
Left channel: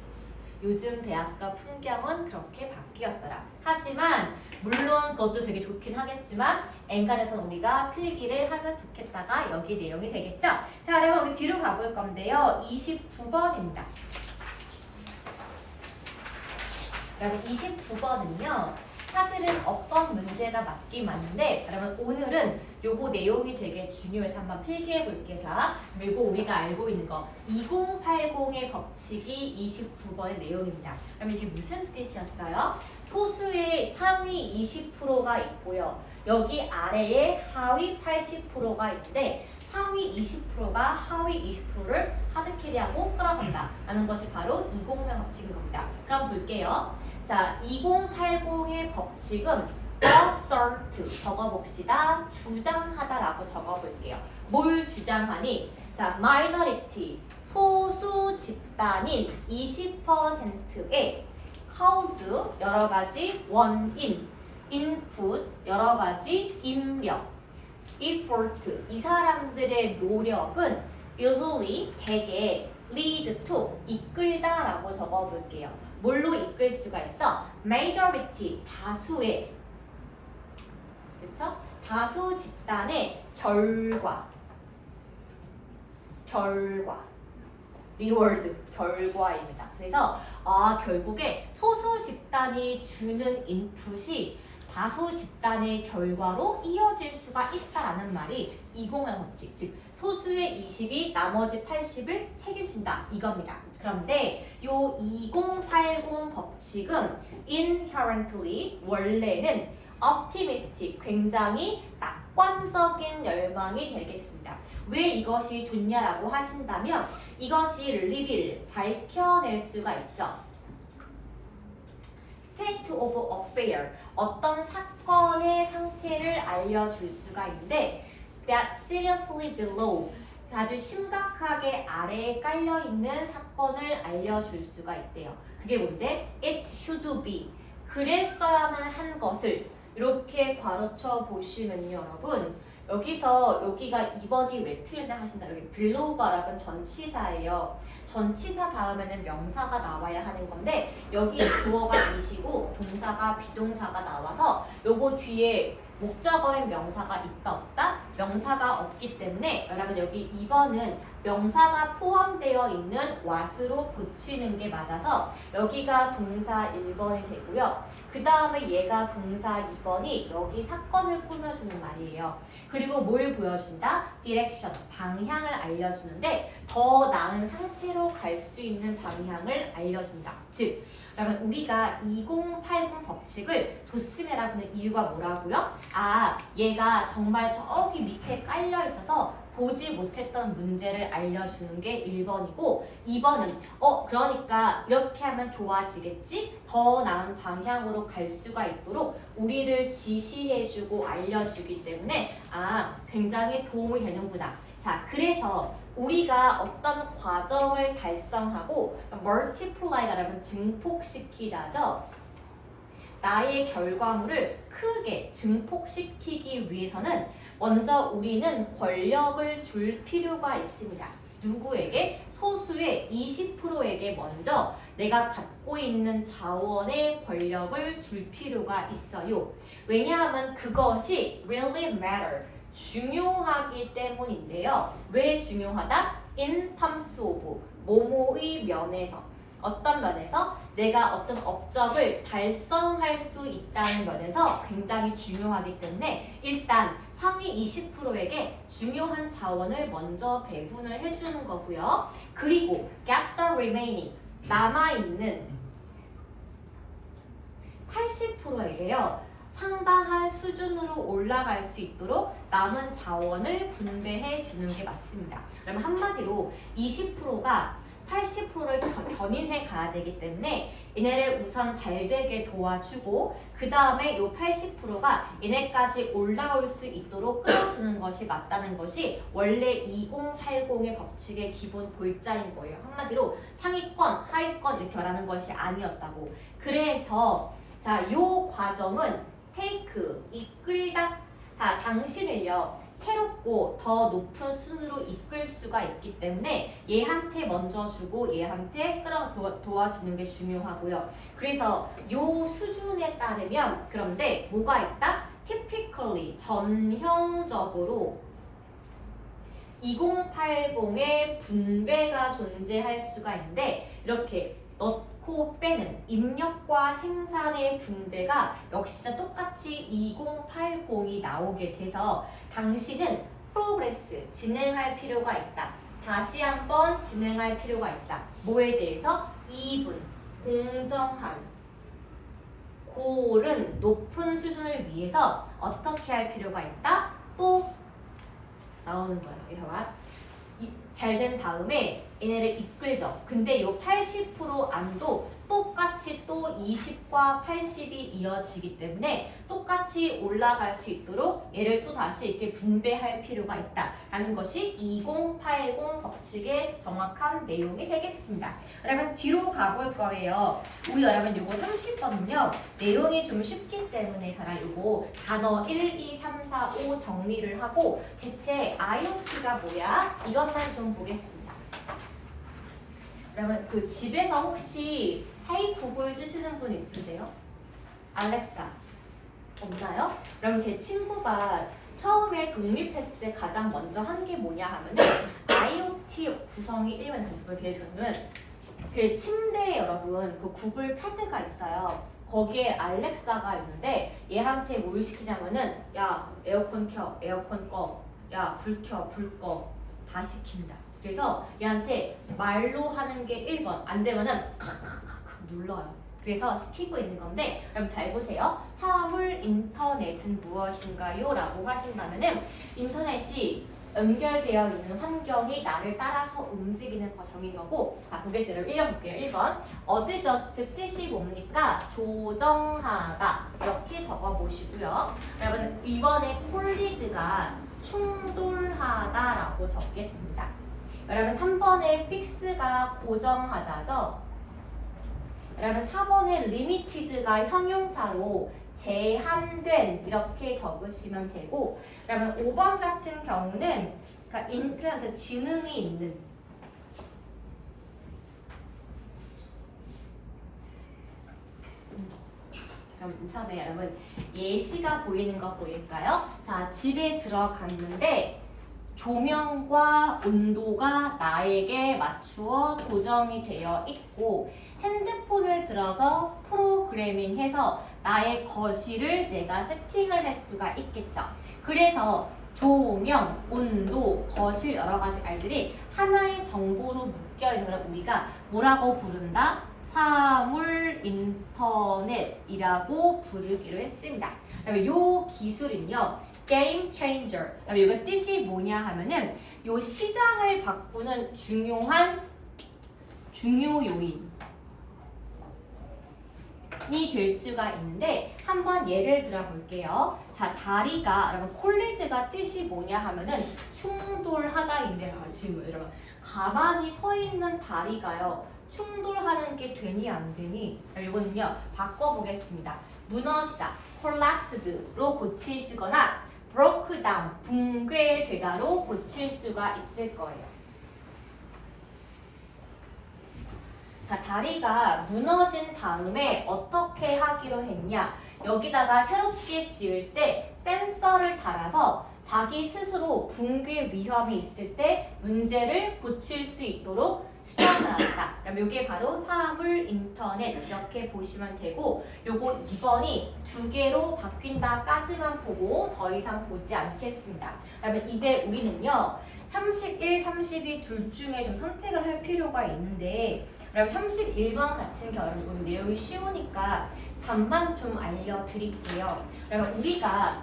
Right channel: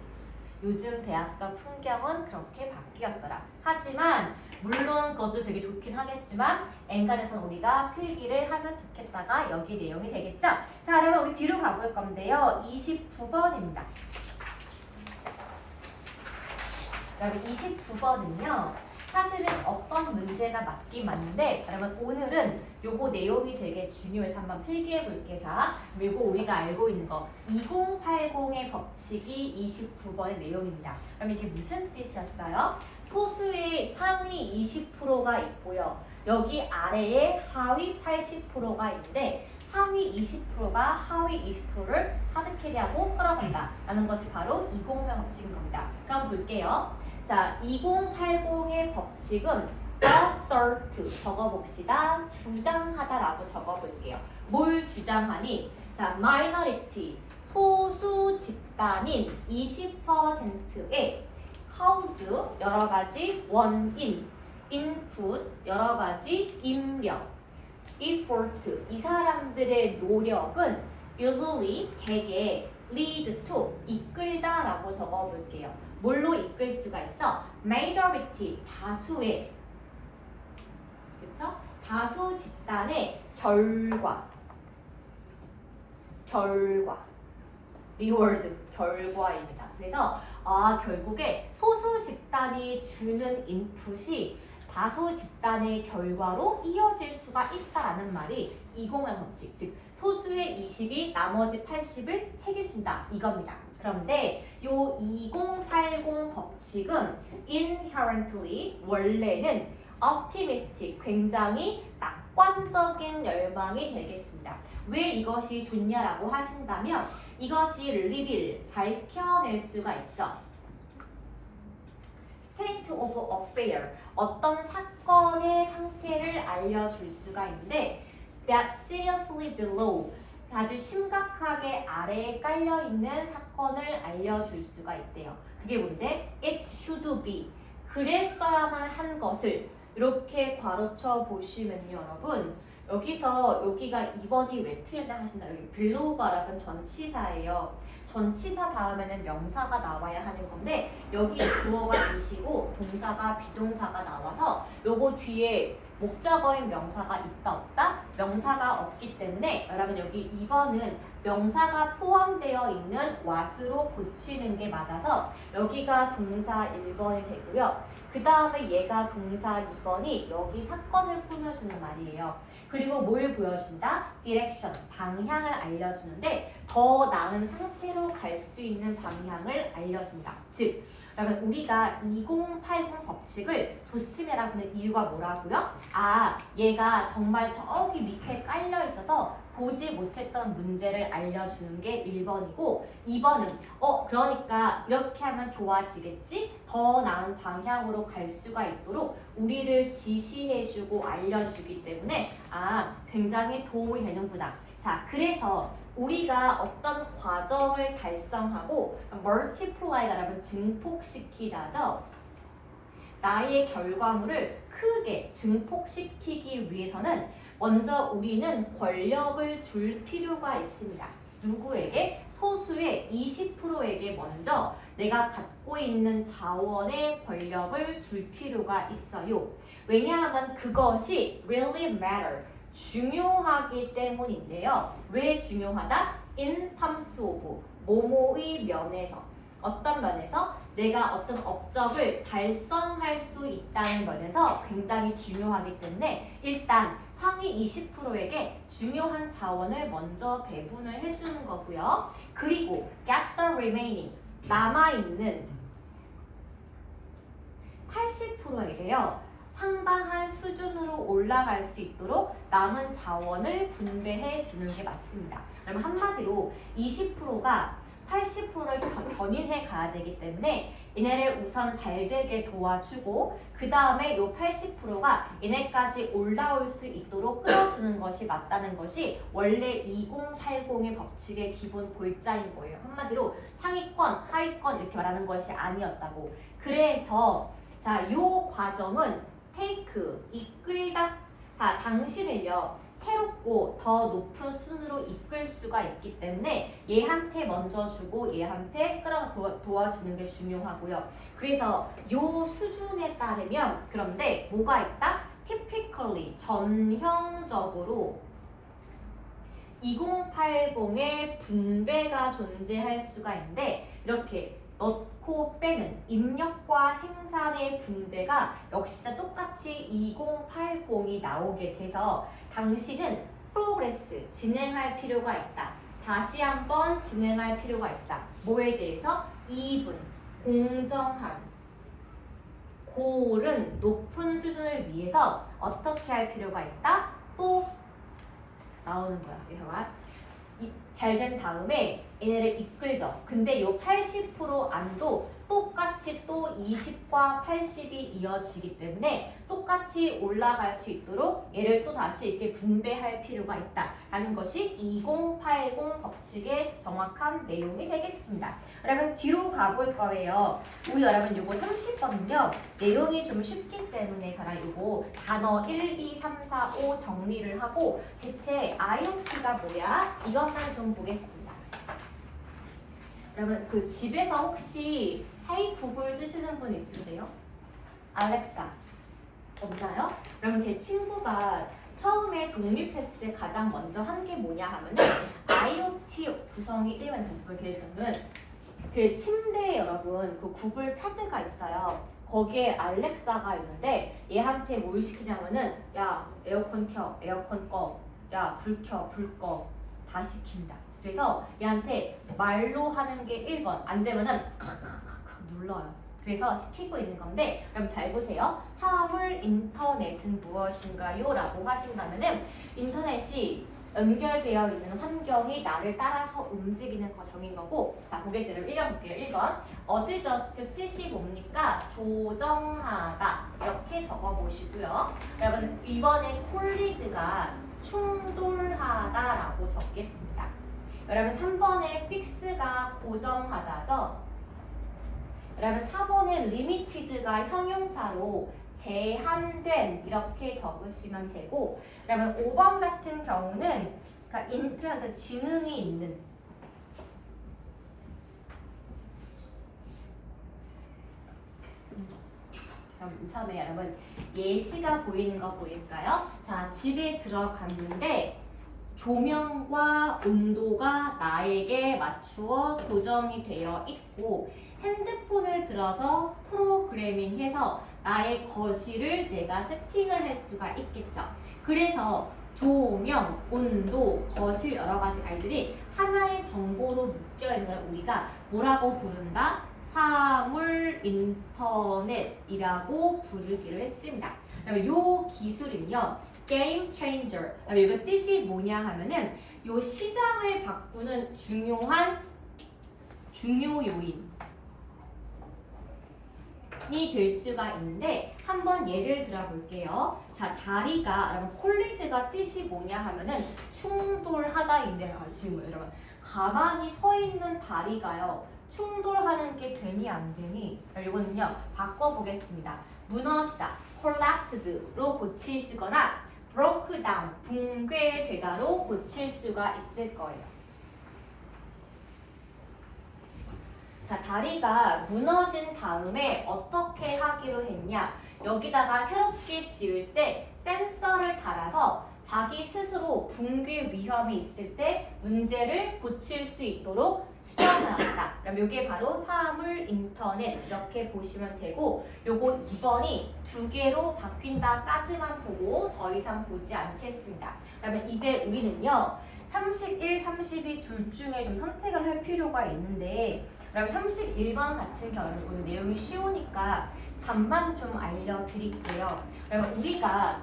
요즘 대학가 풍경은 그렇게 바뀌었더라. 하지만 물론 그것도 되게 좋긴 하겠지만 엔간에서는 우리가 필기를 하면 좋겠다가 여기 내용이 되겠죠? 자 그러면 우리 뒤로 가볼 건데요. 29번입니다. 그러면 29번은요. 사실은 어떤 문제가 맞긴 맞는데 여러분 오늘은 요거 내용이 되게 중요해서 한번 필기해 볼게요. 그리고 우리가 알고 있는 거 2080의 법칙이 29번의 내용입니다. 그럼 이게 무슨 뜻이었어요? 소수의 상위 20%가 있고요. 여기 아래에 하위 80%가 있는데 상위 20%가 하위 20%를 하드캐리하고 끌어간다 라는 것이 바로 2080 법칙인 겁니다. 그럼 볼게요. 자, 2080의 법칙은 assert 적어봅시다. 주장하다라고 적어볼게요. 뭘 주장하니? 자, minority 소수 집단인 20%의 cause 여러 가지 원인, input 여러 가지 입력, effort 이 사람들의 노력은 usually 대개 lead to 이끌다라고 적어볼게요. 뭘로 이끌 수가 있어? majority 다수의 그쵸? 다수 집단의 결과. 리워드, 결과입니다. 그래서 결국에 소수 집단이 주는 인풋이 다수 집단의 결과로 이어질 수가 있다라는 말이 208 법칙, 즉 소수의 20이 나머지 80을 책임진다 이겁니다. 그런데 요 2080 법칙은 inherently 원래는 optimistic, 굉장히 낙관적인 열망이 되겠습니다. 왜 이것이 좋냐라고 하신다면 이것이 리빌, 밝혀낼 수가 있죠. state of affair, 어떤 사건의 상태를 알려줄 수가 있는데 that seriously below, 아주 심각하게 아래에 깔려있는 사건을 알려줄 수가 있대요. 그게 뭔데? It should be, 그랬어야만 한 것을 이렇게 괄호쳐 보시면요 여러분, 여기가 2번이 왜 틀렸나 하신다. 여기 below가 여러분 전치사예요. 전치사 다음에는 명사가 나와야 하는 건데 여기 주어가 이시고 동사가 비동사가 나와서 요거 뒤에 목적어인 명사가 있다 없다? 명사가 없기 때문에 여러분 여기 2번은 명사가 포함되어 있는 what으로 고치는 게 맞아서 여기가 동사 1번이 되고요. 그 다음에 얘가 동사 2번이 여기 사건을 꾸며주는 말이에요. 그리고 뭘 보여준다? 디렉션, 방향을 알려주는데 더 나은 상태로 갈 수 있는 방향을 알려준다. 즉 그러면 우리가 2080 법칙을 줬음이라 하는 이유가 뭐라고요? 얘가 정말 저기 밑에 깔려 있어서 보지 못했던 문제를 알려주는 게 1번이고 2번은 그러니까 이렇게 하면 좋아지겠지? 더 나은 방향으로 갈 수가 있도록 우리를 지시해주고 알려주기 때문에 굉장히 도움이 되는구나. 자, 그래서 우리가 어떤 과정을 달성하고 multiply라는 증폭시키다죠. 나의 결과물을 크게 증폭시키기 위해서는 먼저 우리는 권력을 줄 필요가 있습니다. 누구에게? 소수의 20%에게 먼저 내가 갖고 있는 자원의 권력을 줄 필요가 있어요. 왜냐하면 그것이 really matter, 중요하기 때문인데요. 왜 중요하다? In terms of, 뭐뭐의 면에서. 어떤 면에서? 내가 어떤 업적을 달성할 수 있다는 면에서 굉장히 중요하기 때문에 일단 상위 20%에게 중요한 자원을 먼저 배분을 해주는 거고요. 그리고 get the remaining, 남아있는 80%에게요. 상당한 수준으로 올라갈 수 있도록 남은 자원을 분배해 주는 게 맞습니다. 그럼 한마디로 20%가 80%를 견인해 가야 되기 때문에 얘네를 우선 잘 되게 도와주고 그 다음에 요 80%가 얘네까지 올라올 수 있도록 끌어주는 것이 맞다는 것이 원래 2080의 법칙의 기본 골자인 거예요. 한마디로 상위권, 하위권 이렇게 말하는 것이 아니었다고. 그래서 자, 요 과정은 take, 이끌다. 당신을요. 새롭고 더 높은 순으로 이끌 수가 있기 때문에 얘한테 먼저 주고 얘한테 도와주는 게 중요하고요. 그래서 요 수준에 따르면 그런데 뭐가 있다? typically, 전형적으로 2080의 분배가 존재할 수가 있는데 이렇게 넣고 빼는 입력과 생산의 분배가 역시나 똑같이 2080이 나오게 돼서 당신은 프로그레스, 진행할 필요가 있다. 다시 한번 진행할 필요가 있다. 뭐에 대해서? 이분, 공정한, 고른, 높은 수준을 위해서 어떻게 할 필요가 있다? 또 나오는 거야. 그래서 잘 된 다음에 얘네를 이끌죠. 근데 요 80% 안도 똑같이 또 20과 80이 이어지기 때문에 똑같이 올라갈 수 있도록 얘를 또 다시 이렇게 분배할 필요가 있다라는 것이 2080 법칙의 정확한 내용이 되겠습니다. 여러분 뒤로 가볼 거예요. 우리 여러분 요거 30번은요. 내용이 좀 쉽기 때문에 저랑 요거 단어 1, 2, 3, 4, 5 정리를 하고 대체 IoT가 뭐야? 이것만 좀 보겠습니다. 여러분 그 집에서 혹시 헤이 구글 쓰시는 분 있으세요? 알렉사 없나요? 그럼 제 친구가 처음에 독립했을 때 가장 먼저 한 게 뭐냐 하면은 IoT 구성이 일반 단속에 대해서는 그 침대에 여러분 그 구글 패드가 있어요. 거기에 알렉사가 있는데 얘한테 뭘 시키냐면은 야 에어컨 켜, 에어컨 꺼, 야 불 켜, 불 꺼 다 시킨다. 그래서 얘한테 말로 하는 게 1번 안 되면은 눌러요. 그래서 시키고 있는 건데 그럼 잘 보세요. 사물 인터넷은 무엇인가요? 라고 하신다면은 인터넷이 연결되어 있는 환경이 나를 따라서 움직이는 과정인 거고 자 보겠습니다. 읽어볼게요. 1번 adjust 뜻이 뭡니까? 조정하다 이렇게 적어보시고요. 여러분 이번에 콜리드가 충돌하다라고 적겠습니다. 여러분 3번에 fix가 고정하다죠. 여러분 4번에 limited가 형용사로 제한된 이렇게 적으시면 되고 그러면 5번 같은 경우는 그러니까 지능이 있는 그럼 처음에 여러분 예시가 보이는 거 보일까요? 자 집에 들어갔는데 조명과 온도가 나에게 맞추어 고정이 되어 있고 핸드폰을 들어서 프로그래밍해서 나의 거실을 내가 세팅을 할 수가 있겠죠. 그래서 조명, 온도, 거실 여러 가지 알들이 하나의 정보로 묶여 있는 걸 우리가 뭐라고 부른다? 사물 인터넷이라고 부르기로 했습니다. 그다음에 요 기술은요. 게임 체인저. 그다음에 이거 뜻이 뭐냐 하면은 요 시장을 바꾸는 중요한 중요 요인 이 될 수가 있는데 한번 예를 들어 볼게요. 자, 다리가 여러분 콜리드가 뜻이 뭐냐 하면은 충돌하다인데 지금 여러분 가만히 서 있는 다리가요. 충돌하는 게 되니 안 되니? 이거는요. 바꿔 보겠습니다. 무너지다, collapsed로 고치시거나 broke down, 붕괴되다로 고칠 수가 있을 거예요. 자, 다리가 무너진 다음에 어떻게 하기로 했냐? 여기다가 새롭게 지을 때 센서를 달아서 자기 스스로 붕괴 위험이 있을 때 문제를 고칠 수 있도록 수정해놨다. 그럼 이게 바로 사물 인터넷 이렇게 보시면 되고 요거 2번이 2개로 바뀐다까지만 보고 더 이상 보지 않겠습니다. 그러면 이제 우리는요. 31, 32 둘 중에 좀 선택을 할 필요가 있는데 그럼 31번 같은 경우는 오늘 내용이 쉬우니까 답만 좀 알려드릴게요. 그러면 우리가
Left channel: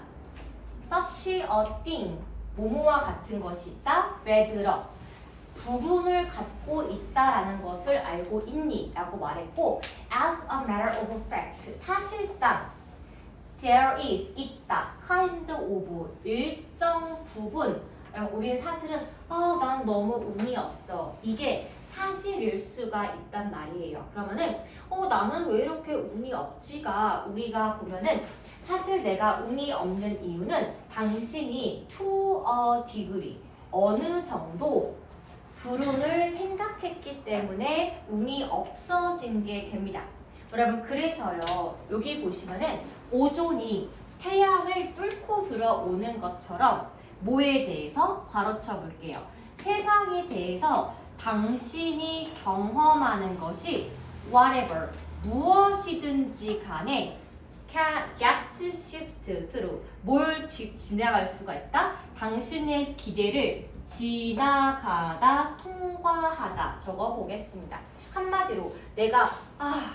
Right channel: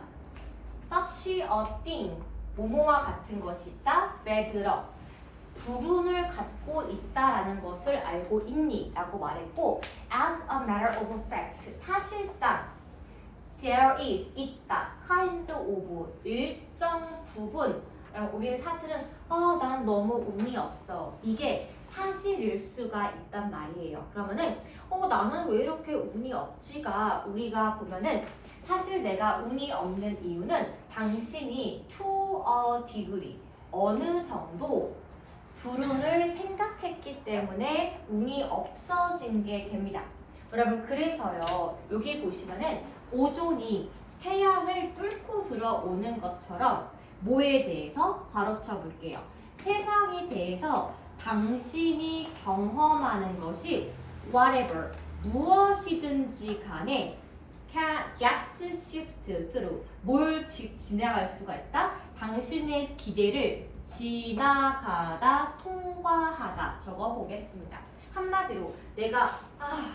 such a thing, 뭐뭐와 같은 것이 있다, bedrock, 불운을 갖고 있다라는 것을 알고 있니? 라고 말했고 as a matter of fact, 사실상 there is, 있다, kind of, 일정 부분 우리는 사실은 난 너무 운이 없어. 이게 사실일 수가 있단 말이에요. 그러면은 나는 왜 이렇게 운이 없지가 우리가 보면은 사실 내가 운이 없는 이유는 당신이 to a degree 어느 정도 불운을 생각했기 때문에 운이 없어진 게 됩니다. 여러분 그래서요. 여기 보시면은 오존이 태양을 뚫고 들어오는 것처럼 뭐에 대해서 괄호쳐 볼게요. 세상에 대해서 당신이 경험하는 것이 whatever 무엇이든지 간에 gets shift through 뭘 지나갈 수가 있다? 당신의 기대를 지나가다 통과하다 적어 보겠습니다. 한마디로 내가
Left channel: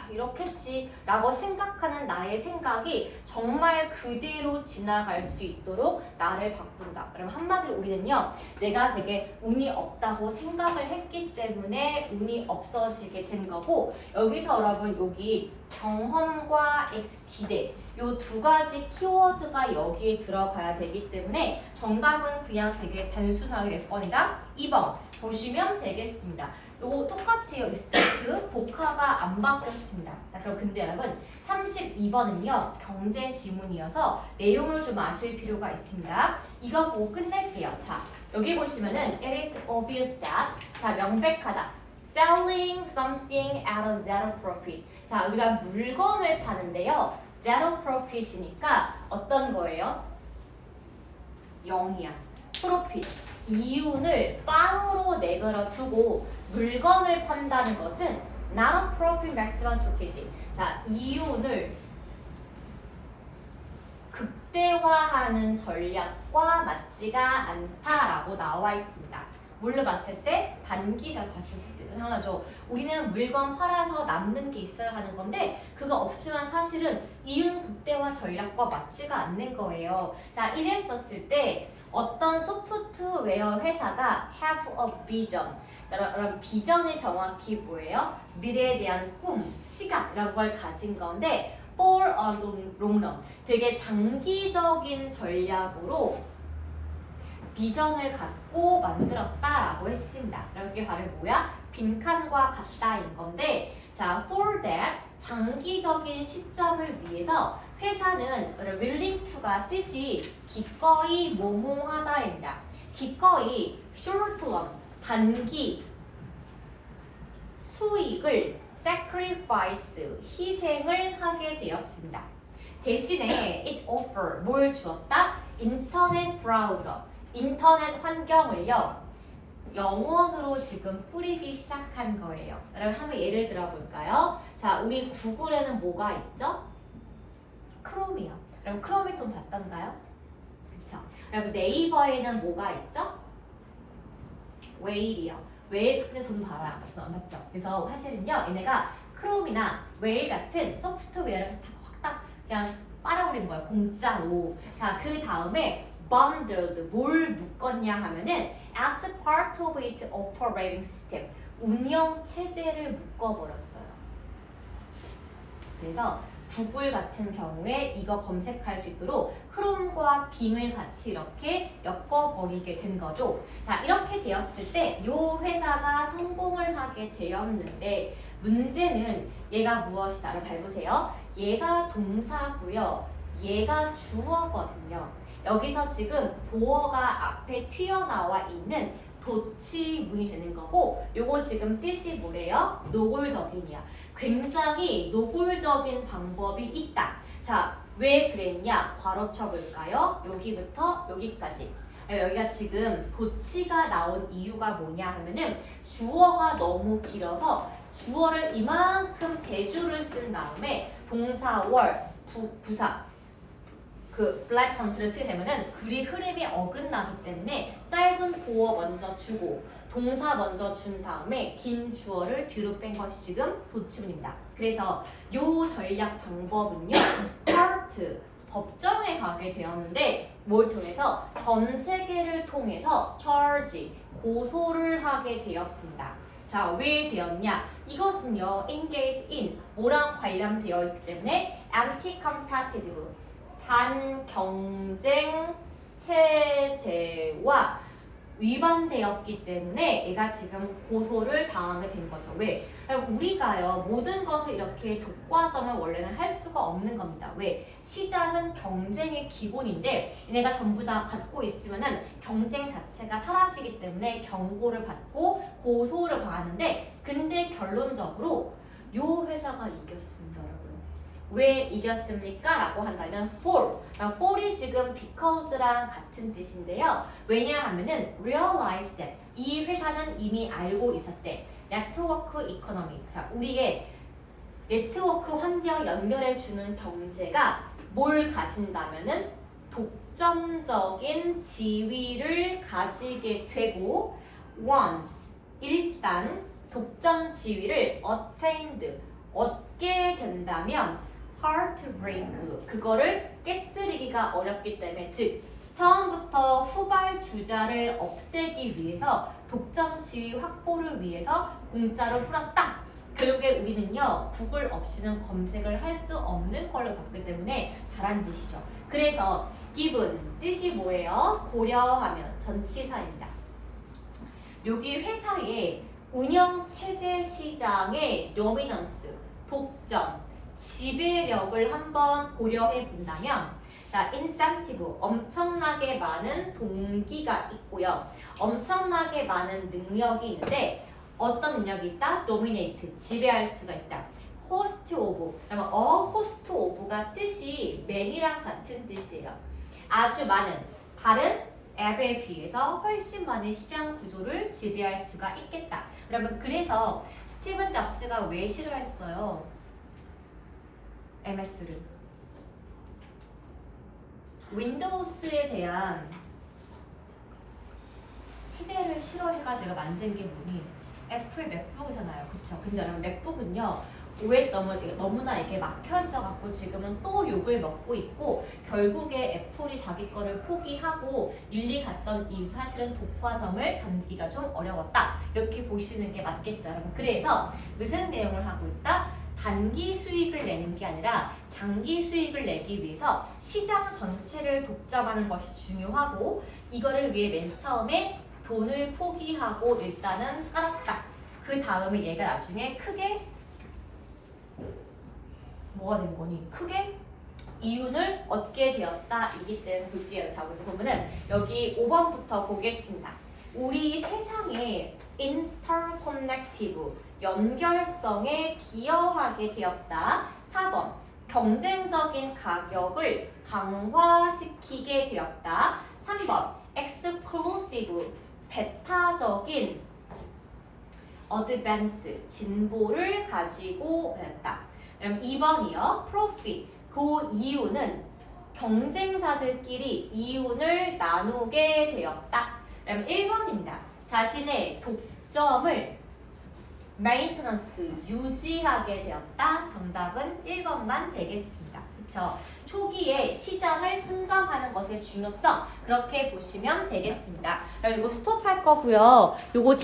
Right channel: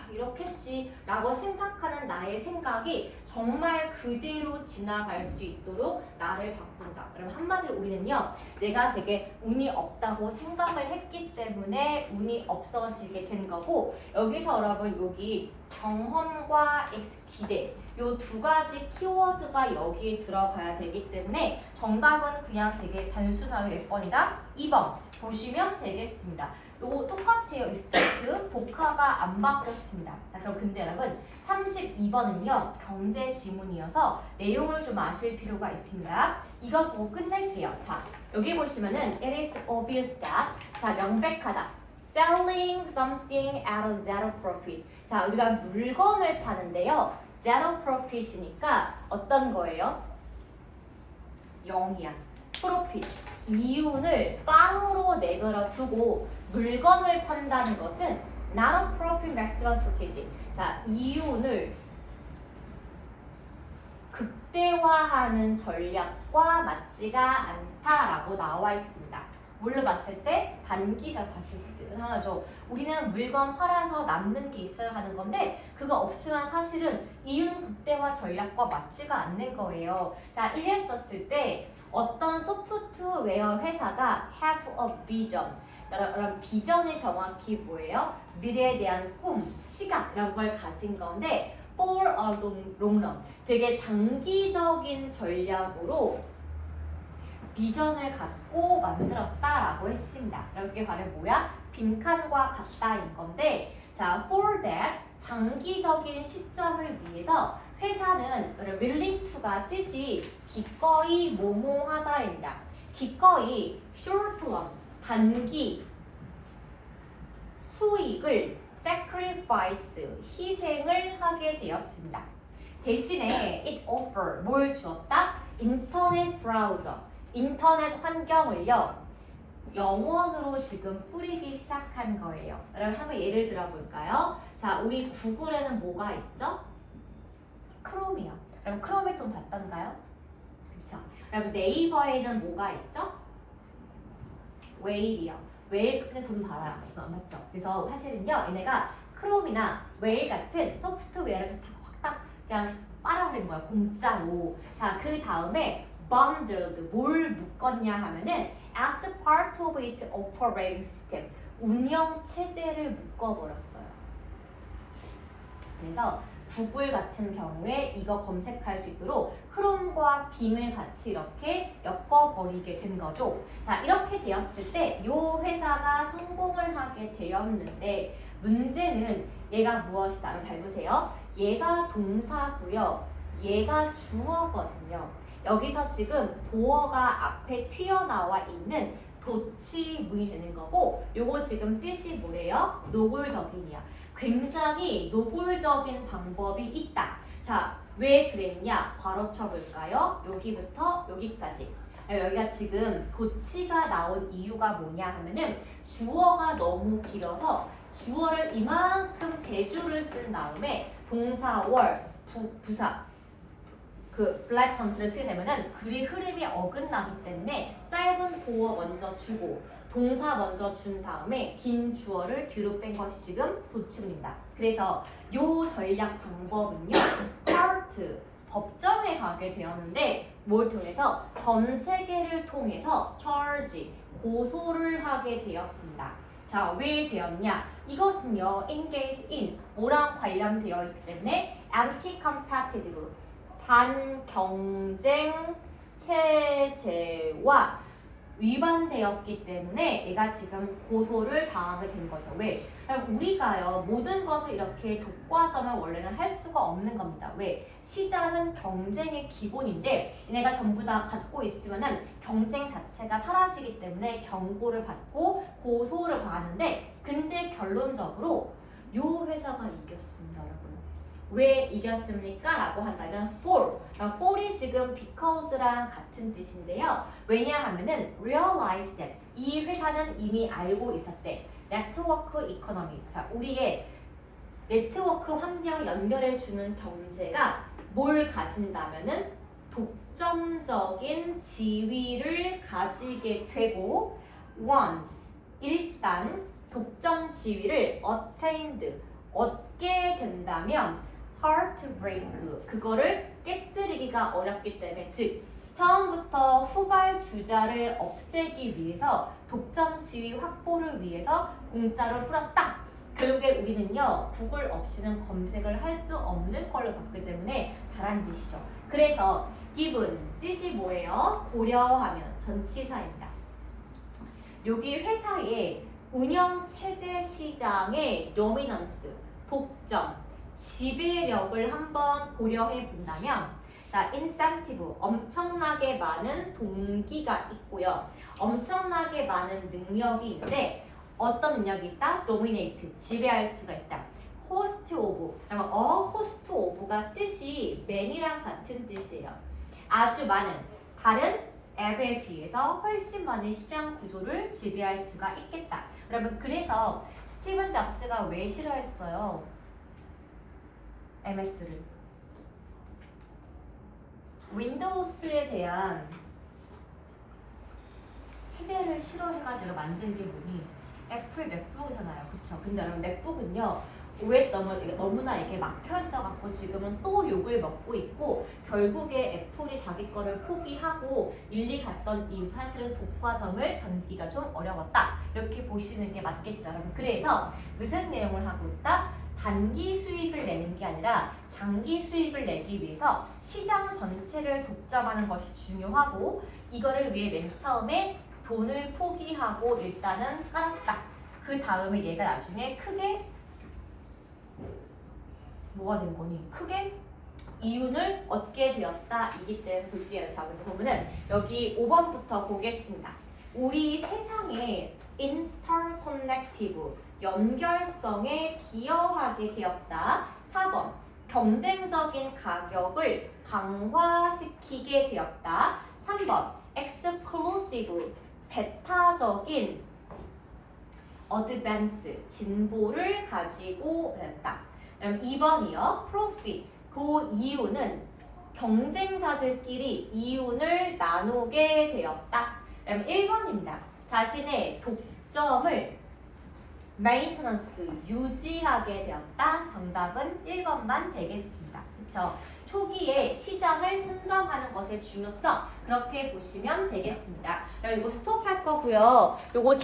이렇겠지 라고 생각하는 나의 생각이 정말 그대로 지나갈 수 있도록 나를 바꾼다. 그럼 한마디로 우리는요. 내가 되게 운이 없다고 생각을 했기 때문에 운이 없어지게 된 거고 여기서 여러분 여기 경험과 기대 요 두 가지 키워드가 여기에 들어가야 되기 때문에 정답은 그냥 되게 단순하게 몇 번이다? 2번 보시면 되겠습니다. 요거 똑같아요. expect 복화가 안 바뀌었습니다. 자, 그럼 근데 여러분 32번은요. 경제 지문이어서 내용을 좀 아실 필요가 있습니다. 이거 보고 끝낼게요. 자, 여기 보시면은 it is obvious that 자, 명백하다. selling something at a zero profit. 자, 우리가 물건을 파는데요. zero profit이니까 어떤 거예요? 0이야. 프로핏. 이윤을 빵으로 내버려 두고 물건을 판다는 것은 not a profit maximum strategy. 자, 이윤을 극대화하는 전략과 맞지가 않다라고 나와 있습니다. 뭘로 봤을 때? 단기적 봤을 때 당연하죠. 우리는 물건 팔아서 남는 게 있어야 하는 건데 그거 없으면 사실은 이윤 극대화 전략과 맞지가 않는 거예요. 자, 이랬었을 때 어떤 소프트웨어 회사가 have a vision. 여러분 비전이 정확히 뭐예요? 미래에 대한 꿈, 시각 이런 걸 가진 건데 for a long run. 되게 장기적인 전략으로 비전을 갖고 만들었다라고 했습니다. 그럼 그게 바로 뭐야? 빈칸과 같다인 건데 자, for that 장기적인 시점을 위해서 회사는 willing to가 뜻이 기꺼이 모모하다입니다. 기꺼이 short run 단기 수익을 sacrifice 희생을 하게 되었습니다. 대신에 it offer 뭘 주었다? 인터넷 브라우저 인터넷 환경을요 영원으로 지금 뿌리기 시작한 거예요. 여러분 한번 예를 들어볼까요? 자, 우리 구글에는 뭐가 있죠? 크롬이요. 여러분 크롬의 돈 봤던가요? 그쵸? 여러분 네이버에는 뭐가 있죠? 웨일이요. 웨일 근데 돈 봐라. 맞죠? 그래서 사실은요 얘네가 크롬이나 웨일 같은 소프트웨어를 확딱 그냥 빨아버린 거예요. 공짜로. 자, 그 다음에 bundled 뭘 묶었냐 하면은 as part of its operating system 운영 체제를 묶어버렸어요. 그래서 구글 같은 경우에 이거 검색할 수 있도록 크롬과 빔을 같이 이렇게 엮어버리게 된 거죠. 자, 이렇게 되었을 때 이 회사가 성공을 하게 되었는데 문제는 얘가 무엇이다를 밟으세요. 얘가 동사고요. 얘가 주어거든요. 여기서 지금 보어가 앞에 튀어나와 있는 도치문이 되는 거고 요거 지금 뜻이 뭐래요? 노골적인이야. 굉장히 노골적인 방법이 있다. 자, 왜 그랬냐? 괄호 쳐볼까요? 여기부터 여기까지. 여기가 지금 도치가 나온 이유가 뭐냐 하면은 주어가 너무 길어서 주어를 이만큼 세 줄을 쓴 다음에 동사 월, 부사 그 블랙 컨트를 쓰게 되면은 글이 흐름이 어긋나기 때문에 짧은 보어 먼저 주고 동사 먼저 준 다음에 긴 주어를 뒤로 뺀 것이 지금 도치문입니다. 그래서 요 전략 방법은요. 코트 법정에 가게 되었는데 뭘 통해서 전 세계를 통해서 charge 고소를 하게 되었습니다. 자, 왜 되었냐? 이것은요. engage in 뭐랑 관련되어 있기 때문에 anti-competitive 반경쟁 체제와 위반되었기 때문에 얘가 지금 고소를 당하게 된 거죠. 왜? 우리가요 모든 것을 이렇게 독과점을 원래는 할 수가 없는 겁니다. 왜? 시장은 경쟁의 기본인데 얘네가 전부 다 갖고 있으면은 경쟁 자체가 사라지기 때문에 경고를 받고 고소를 받았는데 근데 결론적으로 요 회사가 이겼습니다, 여러분. 왜 이겼습니까? 라고 한다면 for. for이 지금 because랑 같은 뜻인데요. 왜냐하면은 realize that 이 회사는 이미 알고 있었대. 네트워크 이코노미. 자, 우리의 네트워크 환경 연결해주는 경제가 뭘 가진다면은 독점적인 지위를 가지게 되고 once 일단 독점 지위를 attained 얻게 된다면 hard to break 그거를 깨뜨리기가 어렵기 때문에 즉 처음부터 후발주자를 없애기 위해서 독점 지위 확보를 위해서 공짜로 풀었다. 결국에 우리는요 구글 없이는 검색을 할 수 없는 걸로 바뀌기 때문에 잘한 짓이죠. 그래서 given 뜻이 뭐예요? 고려하면 전치사입니다. 여기 회사의 운영 체제 시장의 dominance 독점 지배력을 한번 고려해 본다면 자, 인센티브 엄청나게 많은 동기가 있고요. 엄청나게 많은 능력이 있는데 어떤 능력이 있다? dominate 지배할 수가 있다. host of 그러면 host of가 뜻이 man이랑 같은 뜻이에요. 아주 많은 다른 앱에 비해서 훨씬 많은 시장 구조를 지배할 수가 있겠다. 여러분 그래서 스티븐 잡스가 왜 싫어했어요? MS를. 윈도우스에 대한 체제를 싫어해가지고 만든 게 뭐니? 애플 맥북이잖아요. 그쵸? 근데 여러분 맥북은요. OS 너무나 이게 막혀 있어갖고 지금은 또 욕을 먹고 있고 결국에 애플이 자기 거를 포기하고 일리 갔던 이유 사실은 독과점을 던지기가 좀 어려웠다. 이렇게 보시는 게 맞겠죠. 여러분. 그래서 무슨 내용을 하고 있다? 단기 수익을 내는 게 아니라 장기 수익을 내기 위해서 시장 전체를 독점하는 것이 중요하고 이거를 위해 맨 처음에 돈을 포기하고 일단은 깔았다. 그 다음에 얘가 나중에 크게 뭐가 된 거니? 크게 이윤을 얻게 되었다. 이기 때문에 볼게요. 자, 먼저 보면은 여기 5번부터 보겠습니다. 우리 세상에 interconnective, 연결성에 기여하게 되었다. 4번, 경쟁적인 가격을 강화시키게 되었다. 3번, exclusive, 배타적인 advance, 진보를 가지고 있다. 2번이요. profit, 그 이유는 경쟁자들끼리 이윤을 나누게 되었다. 1번입니다. 자신의 독점을 maintenance, 유지하게 되었다. 정답은 1번만 되겠습니다. 그쵸? 초기에 시장을 선점하는 것의 중요성 그렇게 보시면 되겠습니다. 이거 스톱할 거고요. 요거